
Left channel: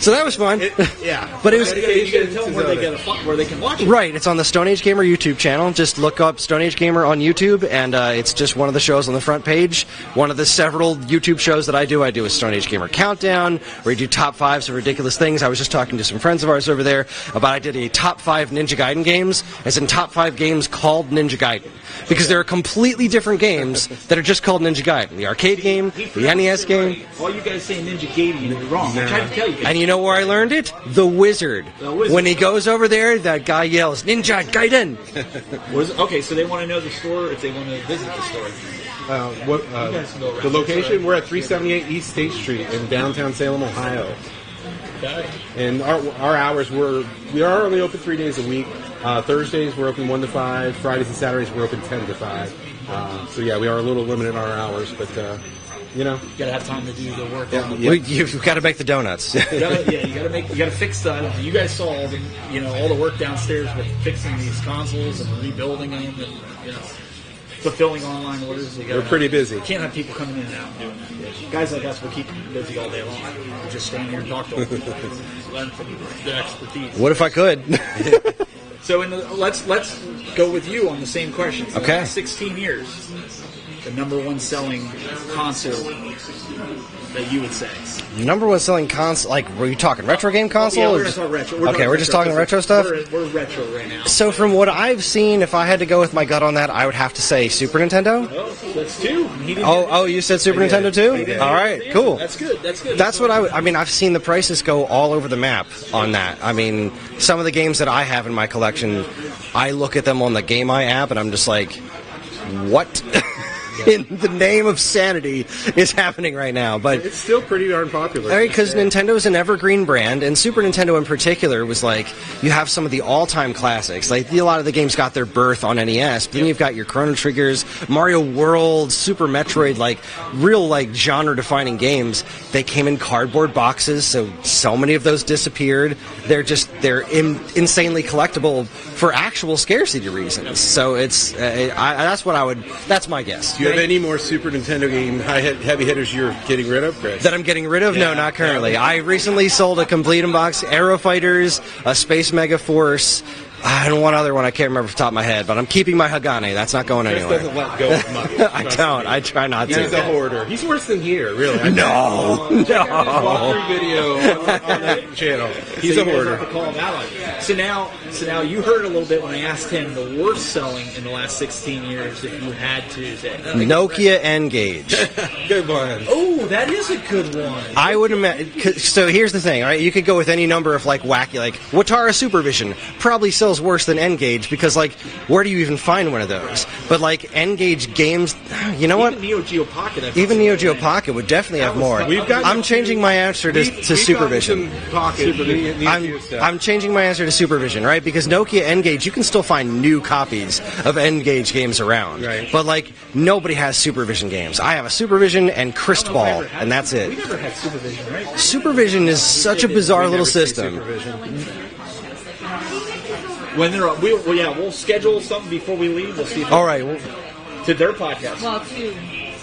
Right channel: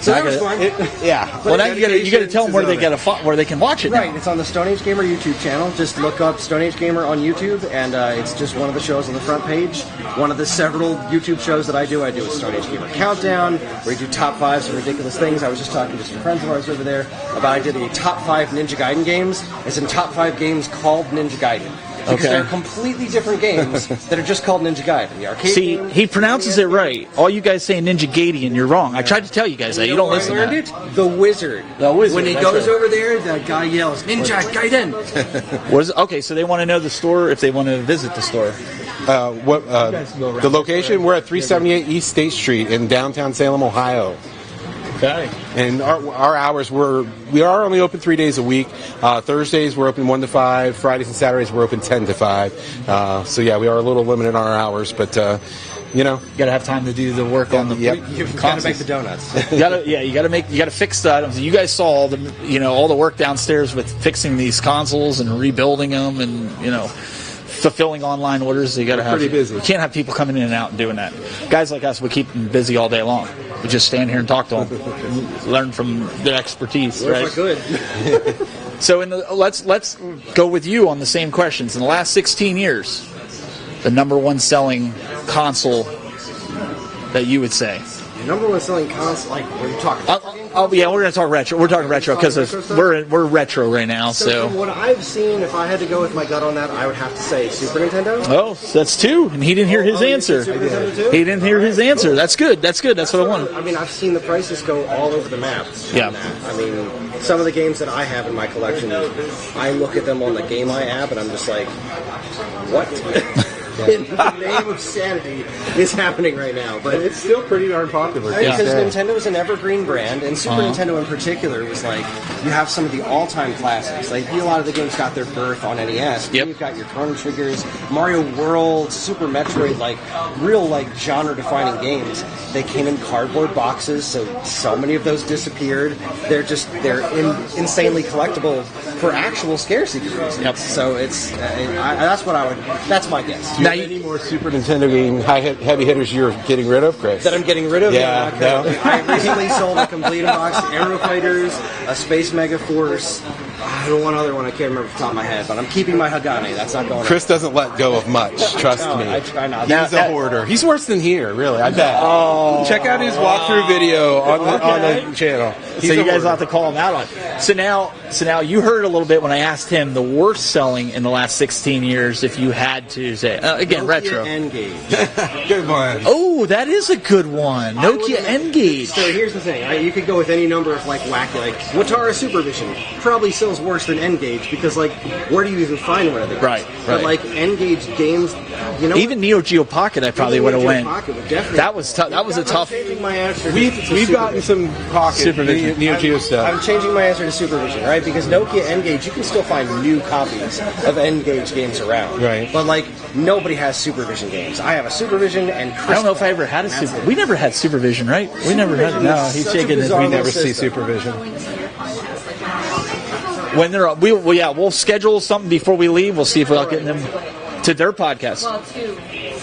So that was fun. Yeah. But Well, it's- you got to tell them where they can watch it. Right, it's on the Stone Age Gamer YouTube channel. Just look up Stone Age Gamer on YouTube, and it's just one of the shows on the front page. One of the several YouTube shows that I do a Stone Age Gamer Countdown, where I do top 5s of ridiculous things. I was just talking to some friends of ours over there about I did a top 5 Ninja Gaiden games. It's in top 5 games called Ninja Gaiden. Because Okay. there are completely different games that are just called Ninja Gaiden. The arcade See, game, he the pronounces NES it game. right. All you guys say Ninja Gaiden, you're wrong. I tried to tell you guys. And that. you know don't where I listen to learned that. it? The Wizard. The Wizard, When he that's goes it. over there, that guy yells, Ninja Gaiden! Okay, so they want to know the store if they want to visit the store. Go around the the location? We're at 378 East State Street in downtown Salem, Ohio. Okay. And our hours we are only open 3 days a week. Thursdays we're open 1 to 5. Fridays and Saturdays we're open 10 to 5. So yeah, we are a little limited in our hours, but You know, You gotta have time to do the work on the. You've got to make the donuts. You gotta fix the items. You guys saw all the, all the work downstairs with fixing these consoles and rebuilding them, and fulfilling online orders. They're pretty busy. You can't have people coming in and out and doing that. Guys like us, we keep them busy all day long. We just stand here and talk to them, learn from their expertise. What if I could? So let's go with you on the same questions. In the last 16 years, the number one selling console that you would say? The number one selling console, like, were you talking retro game console? Yeah, we're going to talk retro. We're talking retro just retro stuff? We're retro right now. So from what I've seen, if I had to go with my gut on that, I would have to say Super Nintendo. Oh, that's two. And he didn't hear his answer. You said Super Nintendo too? He didn't hear his answer. Cool. That's good. That's what I mean, I've seen the prices go all over the map on that. I mean, some of the games that I have in my collection, I look at them on the Game Eye app, and I'm just like, what? In the name of sanity is happening right now, but it's still pretty darn popular. Because Nintendo is an evergreen brand, and Super Nintendo in particular was like, you have some of the all-time classics. Like, a lot of the games got their birth on NES. Then you've got your Chrono Triggers, Mario World, Super Metroid, like real like genre-defining games. They came in cardboard boxes, so many of those disappeared. They're insanely collectible for actual scarcity reasons. Yep. So it's that's my guess. Do you have any more Super Nintendo game heavy hitters you're getting rid of, Chris? That I'm getting rid of? Yeah, no, not currently. I recently sold a complete box, Aero Fighters, a Space Mega Force, and one other one I can't remember off the top of my head, but I'm keeping my Hagane. That's not going Chris anywhere. doesn't let go of much. Trust me. I try not to. He's a hoarder. He's worse than here, really. I know. Check out his walkthrough video on the channel. He's so a you guys hoarder. have to call him out on it. So now you heard a little bit when I asked him the worst selling in the last 16 years. If you had to say Nokia retro. N-Gage. Good one. Oh, that is a good one. I would Nokia imagine. N-Gage. So here's the thing, all right? You could go with any number of like wacky, like Watara Supervision probably sells worse than N-Gage because like where do you even find one of those? Right. But like N-Gage games, you know what? Even Neo Geo Pocket, I probably Even would Neo have Geo went. Pocket would definitely That have was more. tough. That was a I'm tough- changing my answer to We've gotten Supervision. some pocket Neo Geo stuff. I'm changing my answer to Supervision, right? Because Nokia N-Gage, you can still find new copies of N-Gage games around. Right. But like nobody has Supervision games. I have a Supervision and I Crystal don't know if I Ball, ever had and that's Super- it. We never had Supervision, right? We never Supervision had, is he's such a shaking his- bizarre We little never see system. Supervision. When they're we'll schedule something before we leave. We'll see if we'll All right. get them to their podcast. Well, two.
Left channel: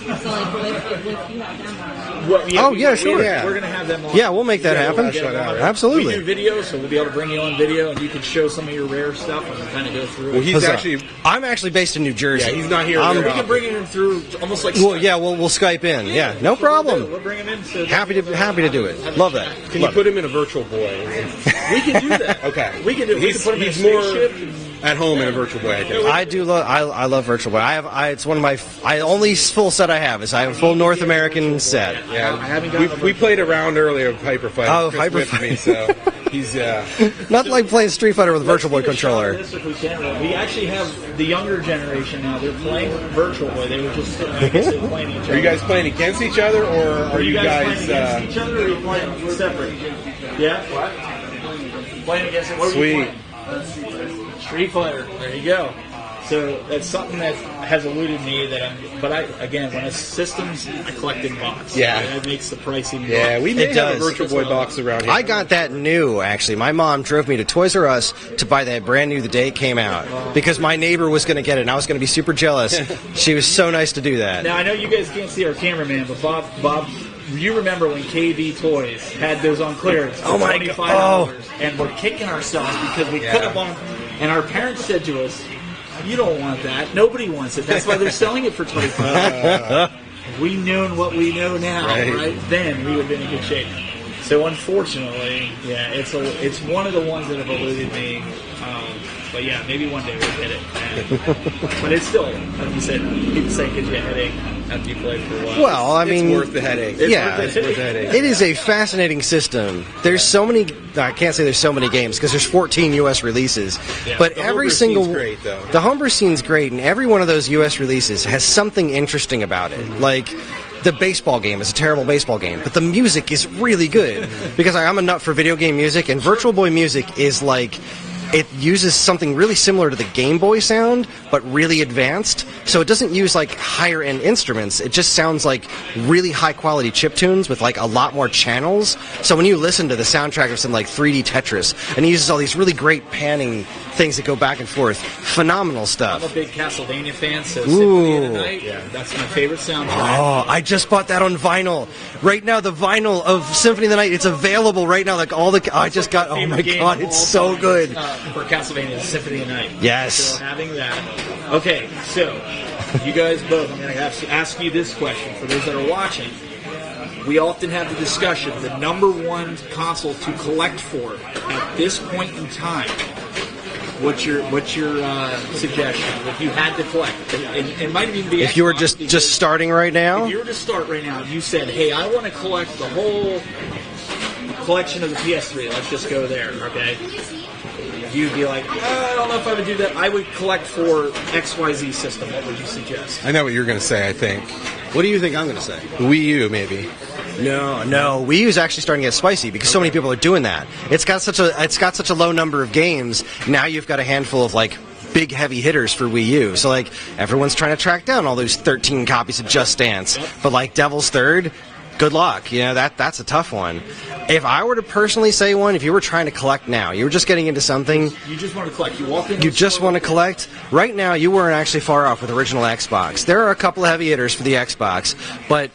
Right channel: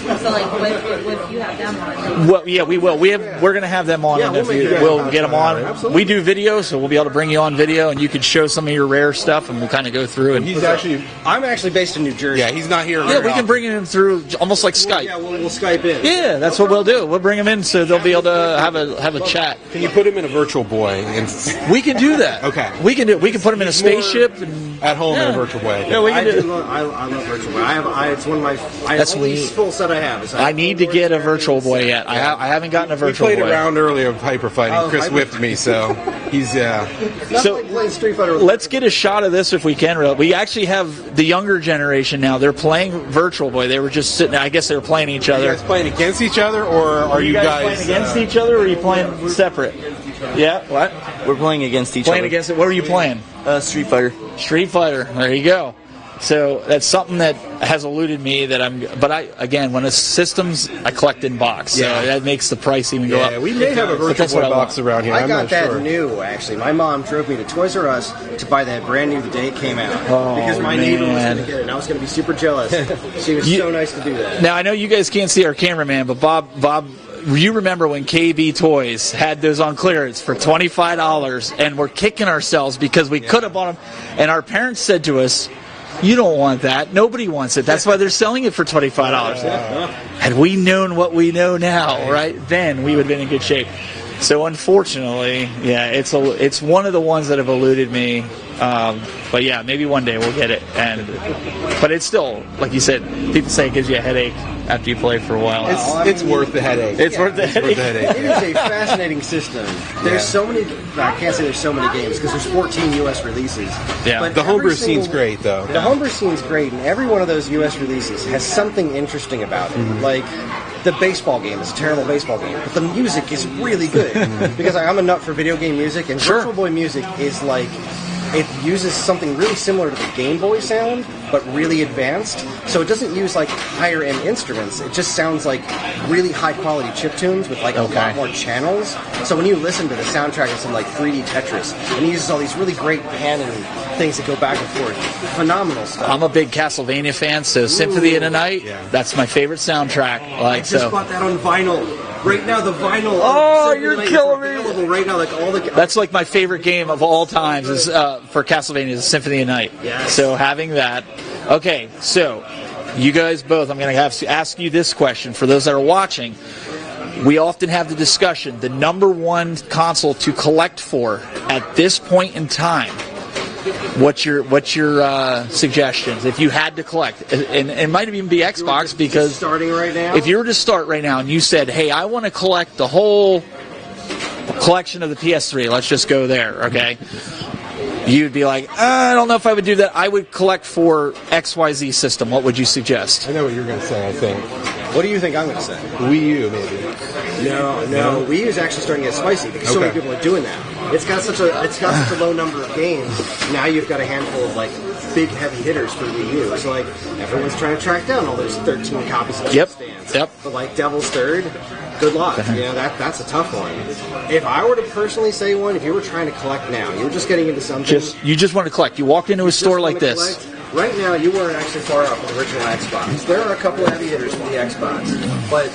So like, if you have them on. Well, yeah, Oh, we yeah, will. sure, We're going to have them on. Yeah, we'll make that We'll happen. get them on. Absolutely. We do video, so we'll be able to bring you on video, and you can show some of your rare stuff, and we'll kind of go through it. He's actually, I'm actually based in New Jersey. yeah, he's not here. Yeah, we can bring him through almost like Skype. Well, yeah, we'll Skype in. Yeah, that's no what we'll problem. do. We'll bring him in so they'll Happy be able to to have do it. a Love chat. Can you put him in a Virtual Boy and We can do that. Okay. We can do. We can put him in a He's more spaceship. And, at home in a Virtual Boy? I guess. Yeah, we I can do. do. I love Virtual Boy. It's one of my. That's only weird. full set I have is I I have a full need to North get a American Virtual Boy set. yet. I haven't gotten a Virtual We played Boy. a round earlier of Hyper Fighting. Oh, Chris Hyper with me, so he's Not So- like playing Street Fighter with Let's Virtual get Boy a shot controller. of this if we can. We actually have the younger generation now. They're playing Virtual Boy. They were just sitting. I guess they were playing each Are other. you guys playing against each other, or are you guys playing against each other, or are you playing separate? Yeah. What? We're playing against each Playing other. against it. What are you Sweet. playing? Street Fighter. Street Fighter. There you go. So that's something that has eluded me. But when it's systems, I collect in box. So Yeah. that makes the price even go Yeah, up. we may It have a does. Virtual That's Boy what I box want. around here. I I'm got not that sure. new, actually. My mom drove me to Toys R Us to buy that brand new the day it came out. Because my neighbor was going to get it, and I was going to be super jealous. She was so nice to do that. Now I know you guys can't see our cameraman, but Bob, you remember when KB Toys had those on clearance for $25, and we're kicking ourselves because we could have bought them, and our parents said to us, "You don't want that. Nobody wants it. That's why they're selling it for $25." Had we known what we know now, right then, we would have been in good shape. So unfortunately, yeah, it's one of the ones that have eluded me. But yeah, maybe one day we'll get it. But it's still, like you said, people say it gives you a headache after you play for a while. Well, It's worth the headache. It's yeah, worth the It's worth the headache. headache. It is a fascinating system. There's so many. I can't say there's so many games because there's 14 U.S. releases. Yeah. But The every homebrew single, scene's great, though. The homebrew scene's great, and every one of those U.S. releases has something interesting about it. Like the baseball game is a terrible baseball game, but the music is really good because I'm a nut for video game music, and Virtual Boy music is like. It uses something really similar to the Game Boy sound, but but really advanced. So it doesn't use like higher end instruments. It just sounds like really high quality chiptunes with like a lot more channels. So when you listen to the soundtrack of some like 3D Tetris, and he uses all these really great panning things that go back and forth, phenomenal stuff. I'm a big Castlevania fan, so Symphony of the Night, that's my favorite soundtrack. I just bought that on vinyl. Right now, the vinyl of Symphony of the Night, it's available right now. Like all the, that's like my favorite game of all time is, good. for Castlevania is Symphony of the Night. Yes. So having that. Okay, so you guys both, I'm going to have to ask you this question for those that are watching. We often have the discussion, the number one console to collect for at this point in time. What's your suggestions if you had to collect? And it might even be Xbox. If you were just starting right now? If you were to start right now and you said, hey, I want to collect the whole collection of the PS3, let's just go there, okay? You'd be like, I don't know if I would do that. I would collect for XYZ system. What would you suggest? I know what you're going to say, I think. What do you think I'm going to say? Wii U, maybe. No. Wii U is actually starting to get spicy because so many people are doing that. It's got such a low number of games. Now you've got a handful of like big heavy hitters for Wii U. So like everyone's trying to track down all those 13 copies of Just Dance. Yep. But like Devil's Third, good luck. That's a tough one. If I were to personally say one, if you were trying to collect now, you were just getting into something. You just want to collect. You walk into a store just want like to this. collect. Right now, you weren't actually far off with the original Xbox. There are a couple of heavy hitters for the Xbox, but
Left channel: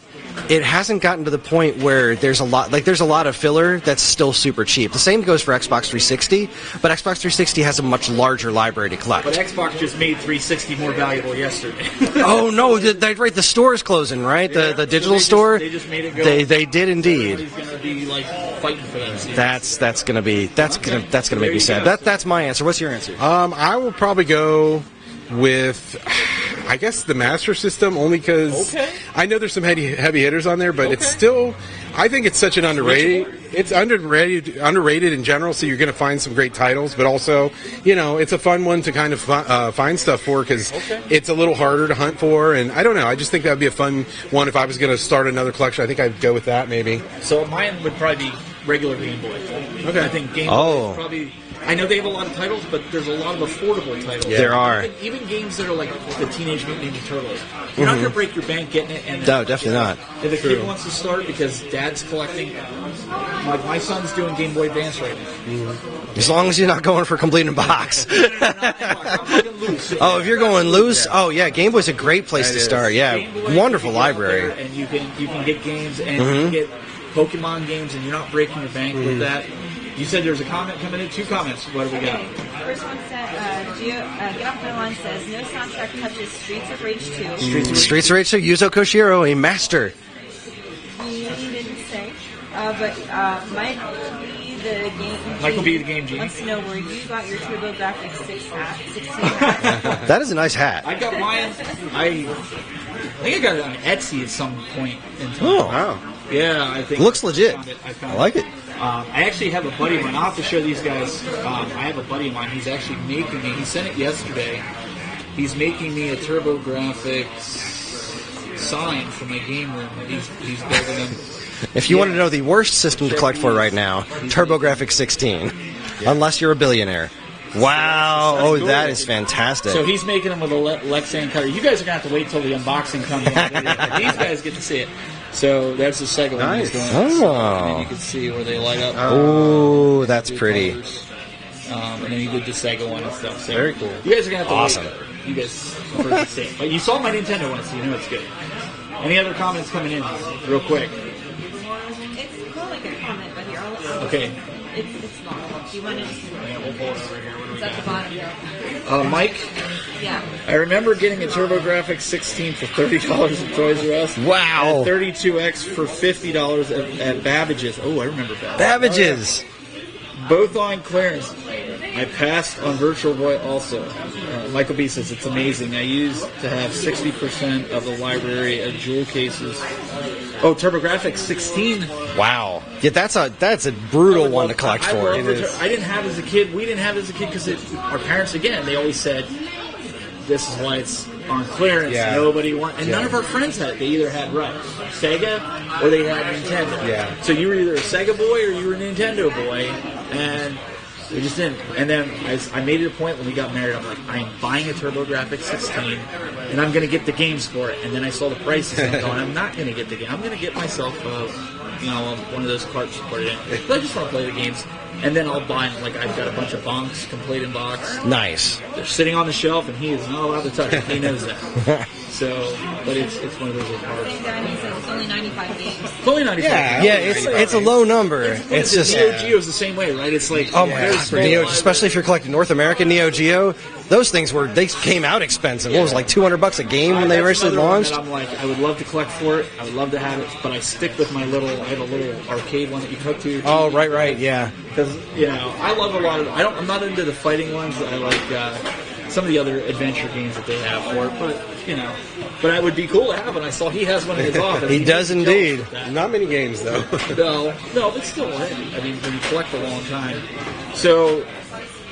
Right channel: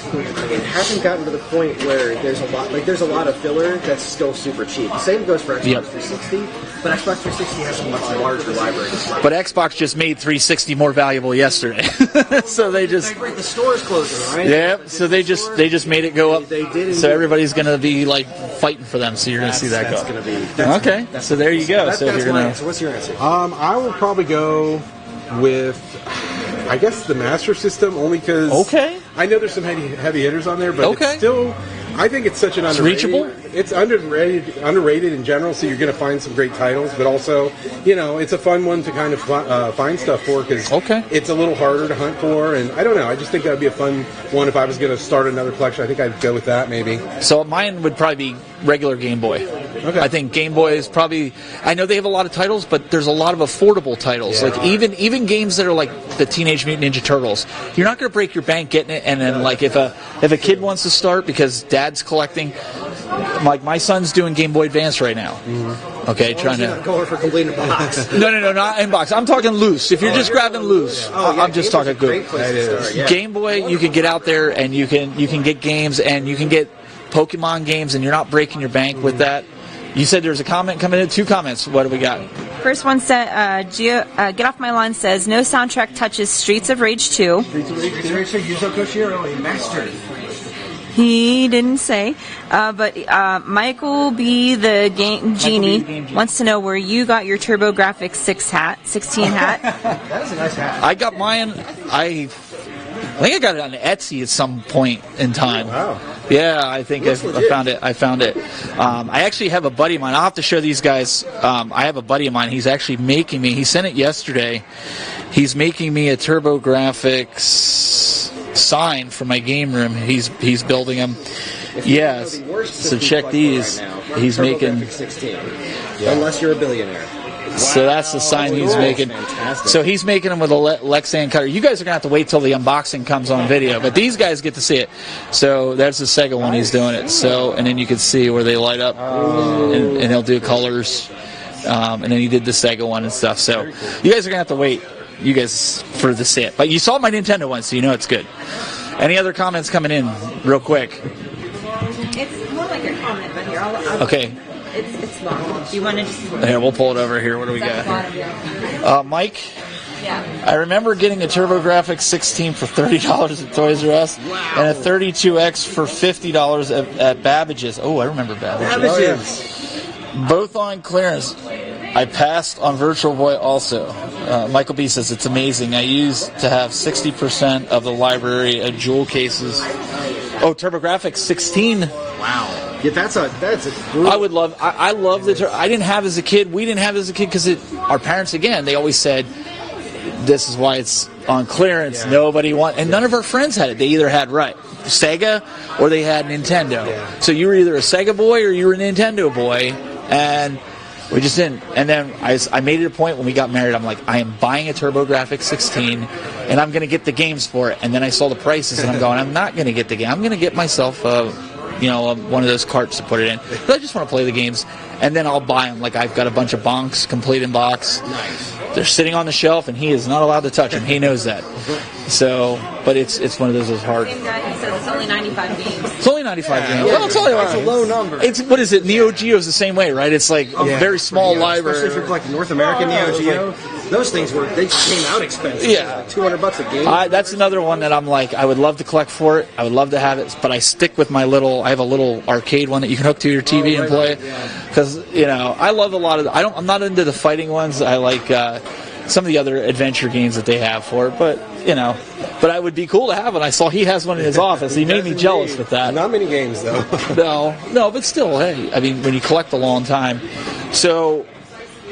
it hasn't gotten to the point where there's a lot of filler that's still super cheap. The same goes for Xbox 360, but Xbox 360 has a much larger library to collect. But Xbox just made 360 more valuable yesterday. Oh So no, right? The store's closing, right? Yeah, the digital store. They just made it go up. They did indeed. So everybody's going to be like fighting for them. So you're going to see that. That's going to be okay. That's So going to there be you sad. go. So That's my you're answer. What's your answer? I will probably go with, I guess, the Master System, only because I know there's some heavy hitters on there, but it's still, I think it's such an underrated. It's underrated in general, so you're going to find some great titles, but also, it's a fun one to kind of find stuff for because it's a little harder to hunt for, and I don't know. I just think that would be a fun one if I was going to start another collection. I think I'd go with that maybe. So mine would probably be regular Game Boy. Okay. I think Game Boy is probably. I know they have a lot of titles, but there's a lot of affordable titles. Yeah, like even games that are like the Teenage Mutant Ninja Turtles. You're not going to break your bank getting it, and then if a kid wants to start because dad's collecting. My son's doing Game Boy Advance right now. Okay, as long as you're not going for complete in box. No, not in box. I'm talking loose. If you're just going loose, Game Boy's a great place to start. Yeah, Game Boy, you can get out there and you can get games and you can get Pokemon games, and you're not breaking your bank with that. You said there's a comment coming in. 2 comments. What do we got? First one said, Get Off My Lawn says, no soundtrack touches Streets of Rage 2. Streets of Rage 2, Yuzo Koshiro, a master. He didn't say. But Michael B. the Game Genie wants to know where you got your TurboGrafx 16 hat. That is a nice hat. I got mine. I think I got it on Etsy at some point in time. Oh, wow. Yeah, I think Looks legit. I found it. I actually have a buddy of mine. I'll have to show these guys. I have a buddy of mine. He's actually making me. He sent it yesterday. He's making me a TurboGrafx sign for my game room. He's building them. If you want to know the worst system to collect for right now, TurboGrafx 16. Yeah. Unless you're a billionaire. Wow. So that's the sign he's making. Fantastic. So he's making them with a Lexan cutter. You guys are going to have to wait till the unboxing comes on video, but these guys get to see it. So that's the Sega one he's doing it. So, and then you can see where they light up. And he'll do colors. And then he did the Sega one and stuff. So you guys are going to have to wait. You guys for to see it. But you saw my Nintendo one, so you know it's good. Any other comments coming in real quick? It's more like a comment, but here, I'll okay. It's long. Do you want to just... Yeah, we'll pull it over here. What do we got? Mike? Yeah. I remember getting a TurboGrafx 16 for $30 at Toys R Us. Wow. And a 32X for $50 at Babbage's. Oh, I remember Babbage's. Both on clearance. I passed on Virtual Boy also. Michael B says it's amazing. I used to have 60% of the library of jewel cases. Oh, TurboGrafx 16. Wow. Yeah, that's a brutal one to collect I for. love I didn't have as a kid. We didn't have as a kid because our parents, again, they always said, this is why it's on clearance. Yeah. Nobody wants, and none of our friends had it. They either had Sega or they had Nintendo. Yeah. So you were either a Sega boy or you were a Nintendo boy, and We just didn't. And then I made it a point when we got married. I'm like, I am buying a TurboGrafx 16, and I'm going to get the games for it. And then I saw the prices, and I'm going, I'm not going to get the game. I'm going to get myself, one of those carts to put it in. But I just want to play the games. And then I'll buy them. Like, I've got a bunch of bonks, complete in box. Nice. They're sitting on the shelf, and he is not allowed to touch them. He knows that. So, but it's one of those that's hard. Same guy, he says it's only 95 games. It's only 95 games. Yeah, Well, it's a low number. What is it? Neo Geo's the same way, right? It's like very small library. Especially if you're collecting North American Neo Geo. Those things they came out expensive. It was like $200 a game when they that's originally another one launched. that I'm like, I would love to collect for it. I would love to have it, but I stick with I have a little arcade one that you can hook to your TV and play. Yeah. Because I love a lot of. I'm not into the fighting ones. I like some of the other adventure games that they have for it, but But it would be cool to have it. I saw he has one in his office. He made does me jealous indeed. with that. Not many games though. No, but still, hey, I mean, when you collect a long time. So,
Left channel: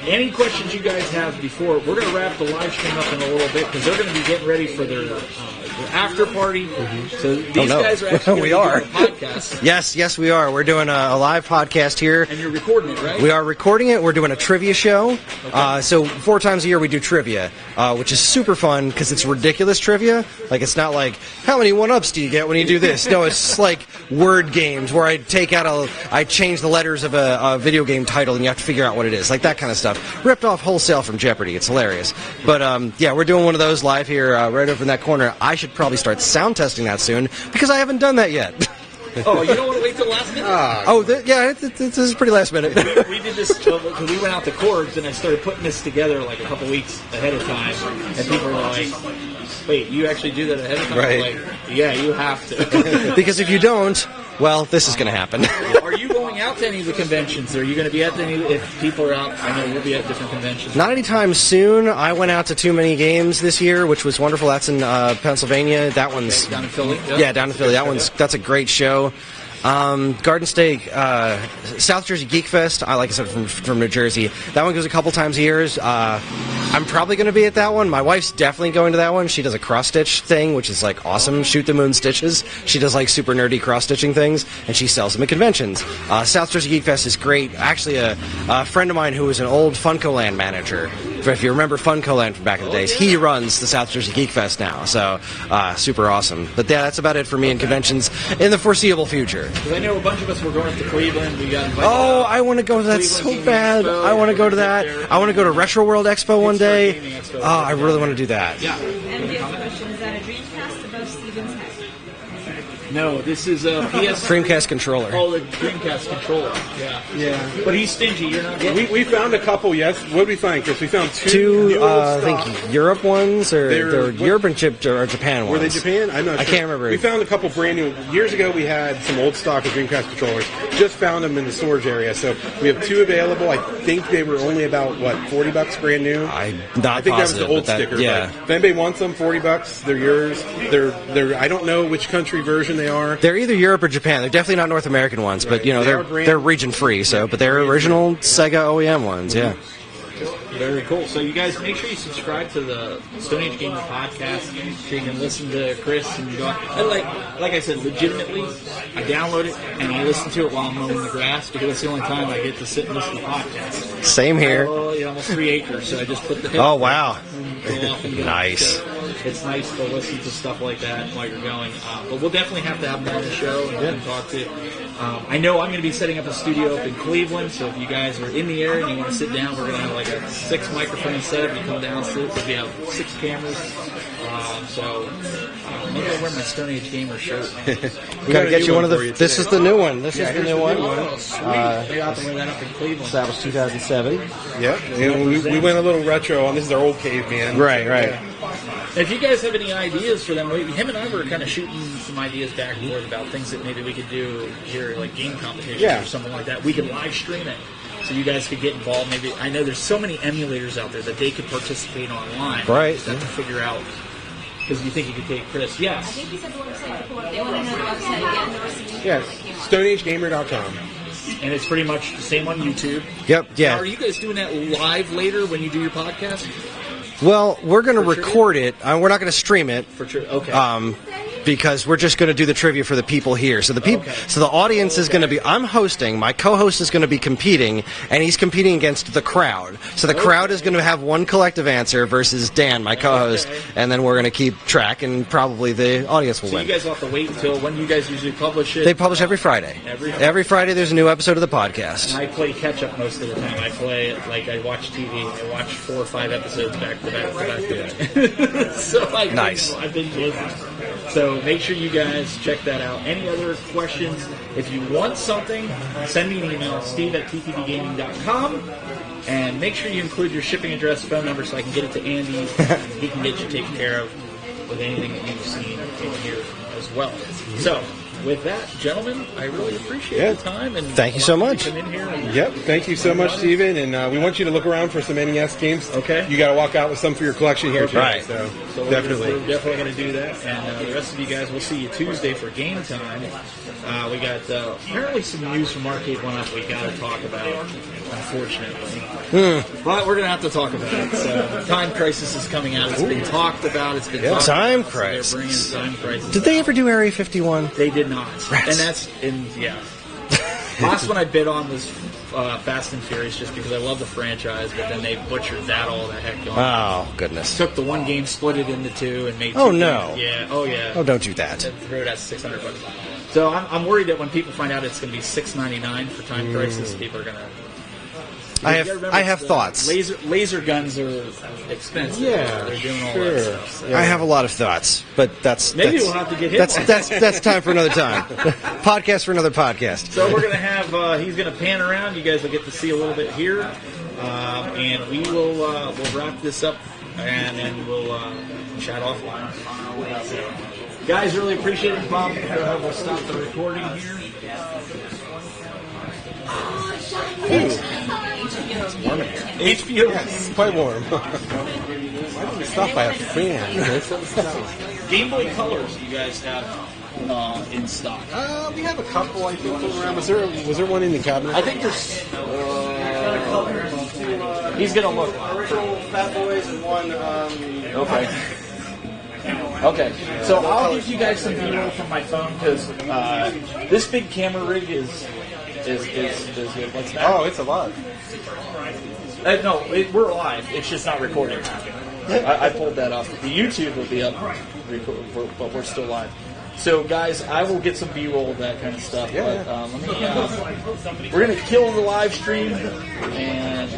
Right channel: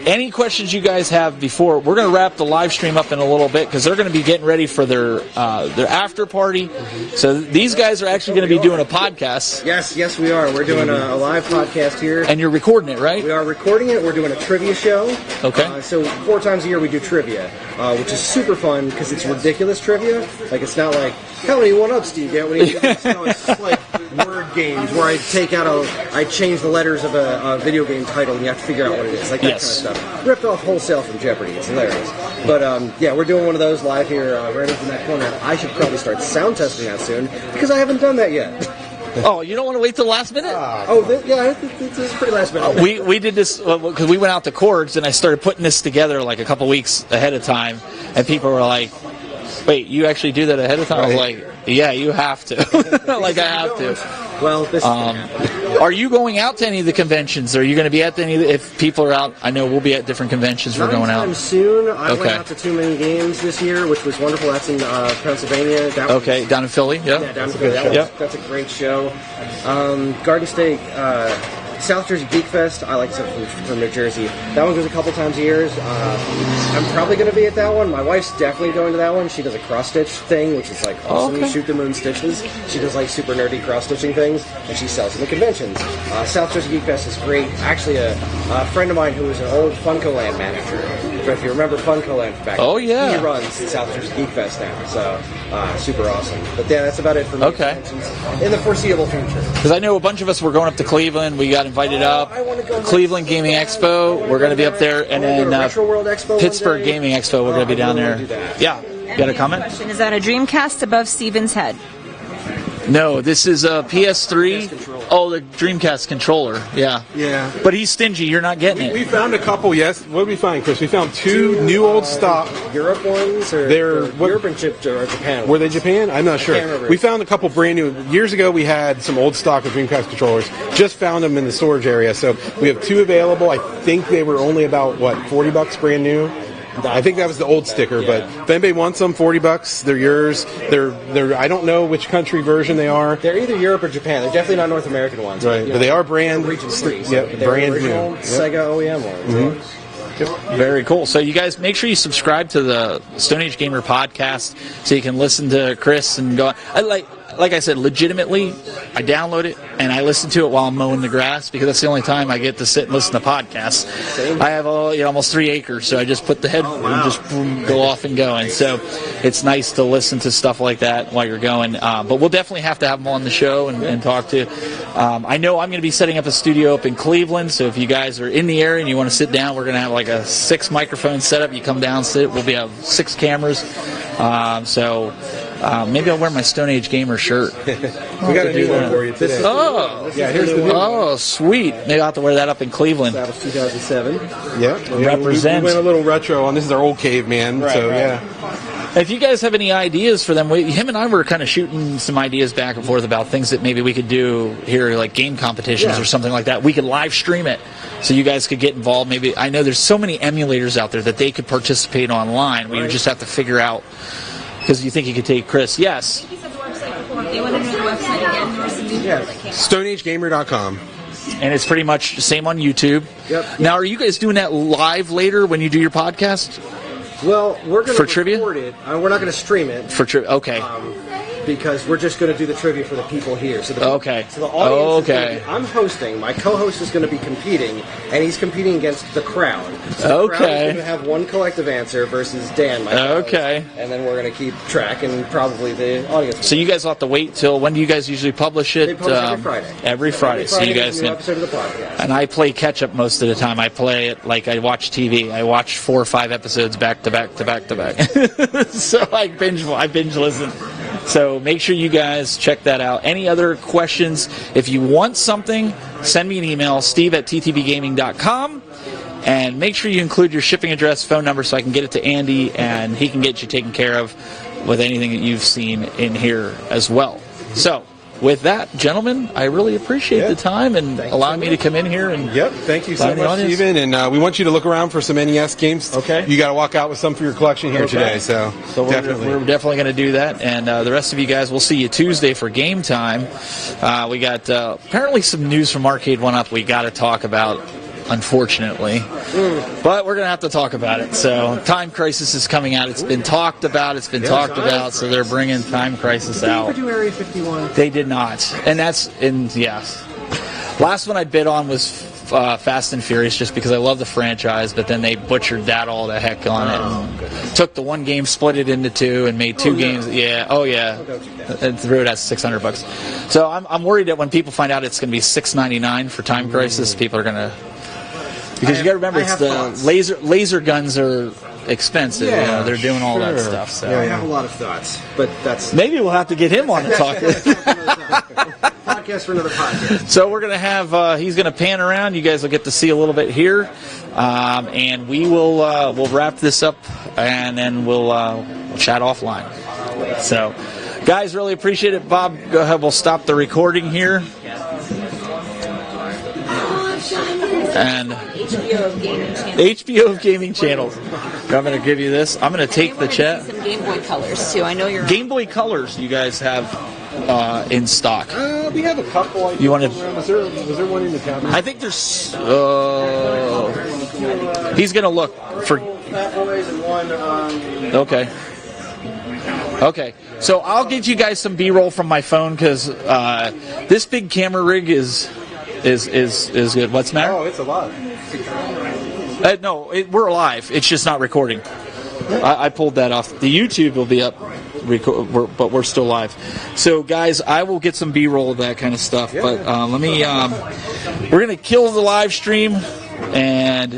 any questions you guys have before we're going to wrap the live stream up in a little bit because they're going to be getting ready for their after party. Mm-hmm. So these guys are actually going to be doing a podcast. Yes, we are. We're doing a live podcast here, and you're recording it, right? We are recording it. We're doing a trivia show. Okay. So 4 times a year we do trivia, which is super fun because it's ridiculous trivia. Like it's not like how many 1-ups do you get when you do this? No, it's just like word games where I change the letters of a video game title and you have to figure out what it is, like that kind of stuff. Ripped off wholesale from Jeopardy. It's hilarious. But we're doing one of those live here right over in that corner. I should probably start sound testing that soon because I haven't done that yet. Oh, you don't want to wait till the last minute? This is pretty last minute. We did this because we went out to Corks and I started putting this together like a couple weeks ahead of time, and people were like, "Wait, you actually do that ahead of time?" Right. I'm like, "Yeah, you have to." Because if you don't, well, this is going to happen. Are you going out to any of the conventions? Are you going to be at any? If people are out, I know we'll be at different conventions. Not anytime soon. I went out to Too Many Games this year, which was wonderful. That's in Pennsylvania. That one's down in Philly. Yeah, down in Philly. That's a great show. Garden State, South Jersey Geek Fest. I like it from New Jersey. That one goes a couple times a year. I'm probably going to be at that one. My wife's definitely going to that one. She does a cross stitch thing, which is like awesome. Okay. Shoot the moon stitches. She does like super nerdy cross stitching things, and she sells them at conventions. South Jersey Geek Fest is great. Actually, a friend of mine who was an old Funko Land manager. If you remember Funko Land from back in the days, he runs the South Jersey Geek Fest now. So super awesome. But yeah, that's about it for me in conventions in the foreseeable future. Because I know a bunch of us were going up to Cleveland. We got invited up. I want to go to Cleveland Gaming Expo. I want to go to that. Be up there. I want to go to Retro World Expo one day. Pittsburgh Gaming Expo. We're going to be down there. I really want to do that. Yeah. You got a comment? Question: is that a Dreamcast above Steven's head? No, this is a PS3 Dreamcast controller. Oh, the Dreamcast controller. Yeah. Yeah. But he's stingy. You're not getting it. We found a couple. Yes. What did we find, Chris? We found two new old stock. Europe ones, or they're Europe and Japan ones. Were they Japan? I'm not sure. I can't remember. We found a couple brand new. Years ago, we had some old stock of Dreamcast controllers. Just found them in the storage area, so we have 2 available. I think they were only about $40 brand new. I think that was the old sticker. Yeah. But if anybody wants them, $40. They're yours. They're. I don't know which country version they are. They're either Europe or Japan. They're definitely not North American ones, right. but you know they're region free. But they're original Sega OEM ones. Mm-hmm. Yeah. Very cool. So you guys make sure you subscribe to the Stone Age Gamer podcast so you can listen to Chris and go. Like I said, legitimately, I download it and I listen to it while I'm mowing the grass because that's the only time I get to sit and listen to podcasts. Same here. I have almost 3 acres, so I just put the headphone and just boom, go off and go. Nice. So it's nice to listen to stuff like that while you're going. But we'll definitely have to have him on the show and talk to you. I know I'm going to be setting up a studio up in Cleveland, so if you guys are in the area and you want to sit down, we're going to have like a 6 microphone setup. You come down, sit. We'll have 6 cameras. Maybe I'll wear my Stone Age Gamer shirt. We got a new one for you today. This is the new one. Here's the new one. Oh, sweet. Maybe I'll have to wear that up in Cleveland. That was 2007. Yeah, we went a little retro on. This is our old caveman. Right. Yeah. If you guys have any ideas for them, him and I were kind of shooting some ideas back and forth about things that maybe we could do here, like game competitions or something like that. We could live stream it. So you guys could get involved. Maybe I know there's so many emulators out there that they could participate online. Right. You just have to figure out because you think you could take Chris. Yes. They went into the website again. There was some new that came out. stoneagegamer.com. And it's pretty much the same on YouTube. Yep. Now, are you guys doing that live later when you do your podcast? Well, we're going to record it. We're not going to stream it. Okay. because we're just going to do the trivia for the people here. So the so the audience is going to be. I'm hosting. My co-host is going to be competing, and he's competing against the crowd. So the crowd is going to have one collective answer versus Dan, my co-host, and then we're going to keep track, and probably the audience will So win. you guys will have to wait until when do you guys usually publish it? They publish every Friday. Every Friday. Every Friday so there's a new episode of the podcast. And I play catch up most of the time. I play it like I watch TV. I watch 4 or 5 episodes back to back to back to back. So I binge listen. So make sure you guys check that out. Any other questions? If you want something, send me an email, steve@ttbgaming.com. And make sure you include your shipping address, phone number, so I can get it to Andy, and he can get you taken care of with anything that you've seen in here as well. So, with that, gentlemen, I really appreciate the time and allowing me to come in here. And thank you so much, Steven. And we want you to look around for some NES games. Okay. You got to walk out with some for your collection here today. So we're definitely going to do that. And the rest of you guys, we'll see you Tuesday for game time. We got apparently some news from Arcade 1-Up we got to talk about. Unfortunately, but we're gonna have to talk about it. So, Time Crisis is coming out. It's been talked about. It's been talked about. So they're bringing Time Crisis out. Did they ever do Area 51? They did not. And last one I bid on was Fast and Furious, just because I love the franchise. But then they butchered that all the heck on. Oh goodness! Took the one game, split it into 2, and made 2 games. Yeah. Oh yeah. Oh, don't do that. And threw it at $600. So I'm worried that when people find out it's going to be $6.99 for Time Crisis, people are going to. Because you got to remember, laser guns are expensive. Yeah, you know, they're doing all that stuff. So. I have a lot of thoughts, but maybe we'll have to get him on the talk. That's time for another time. Podcast for another podcast. So we're going to have, he's going to pan around. You guys will get to see a little bit here. And we will we'll wrap this up, and then we'll chat offline. So, guys, really appreciate it. Bob, go ahead. We'll stop the recording here. And HBO Gaming Channel. I'm going to give you this. I'm going to take the chat. Game Boy Colors too. I know you're. Game Boy Colors. You guys have in stock. We have a couple. You want to? Was there one in the cabinet? I think there's. He's going to look for. Okay. Okay, so I'll get you guys some B-roll from my phone because this big camera rig is good. What's the matter? Oh, it's alive. No, we're alive. It's just not recording. I pulled that off. The YouTube will be up, but we're still live. So, guys, I will get some B-roll of that kind of stuff. But let me. We're gonna kill the live stream and.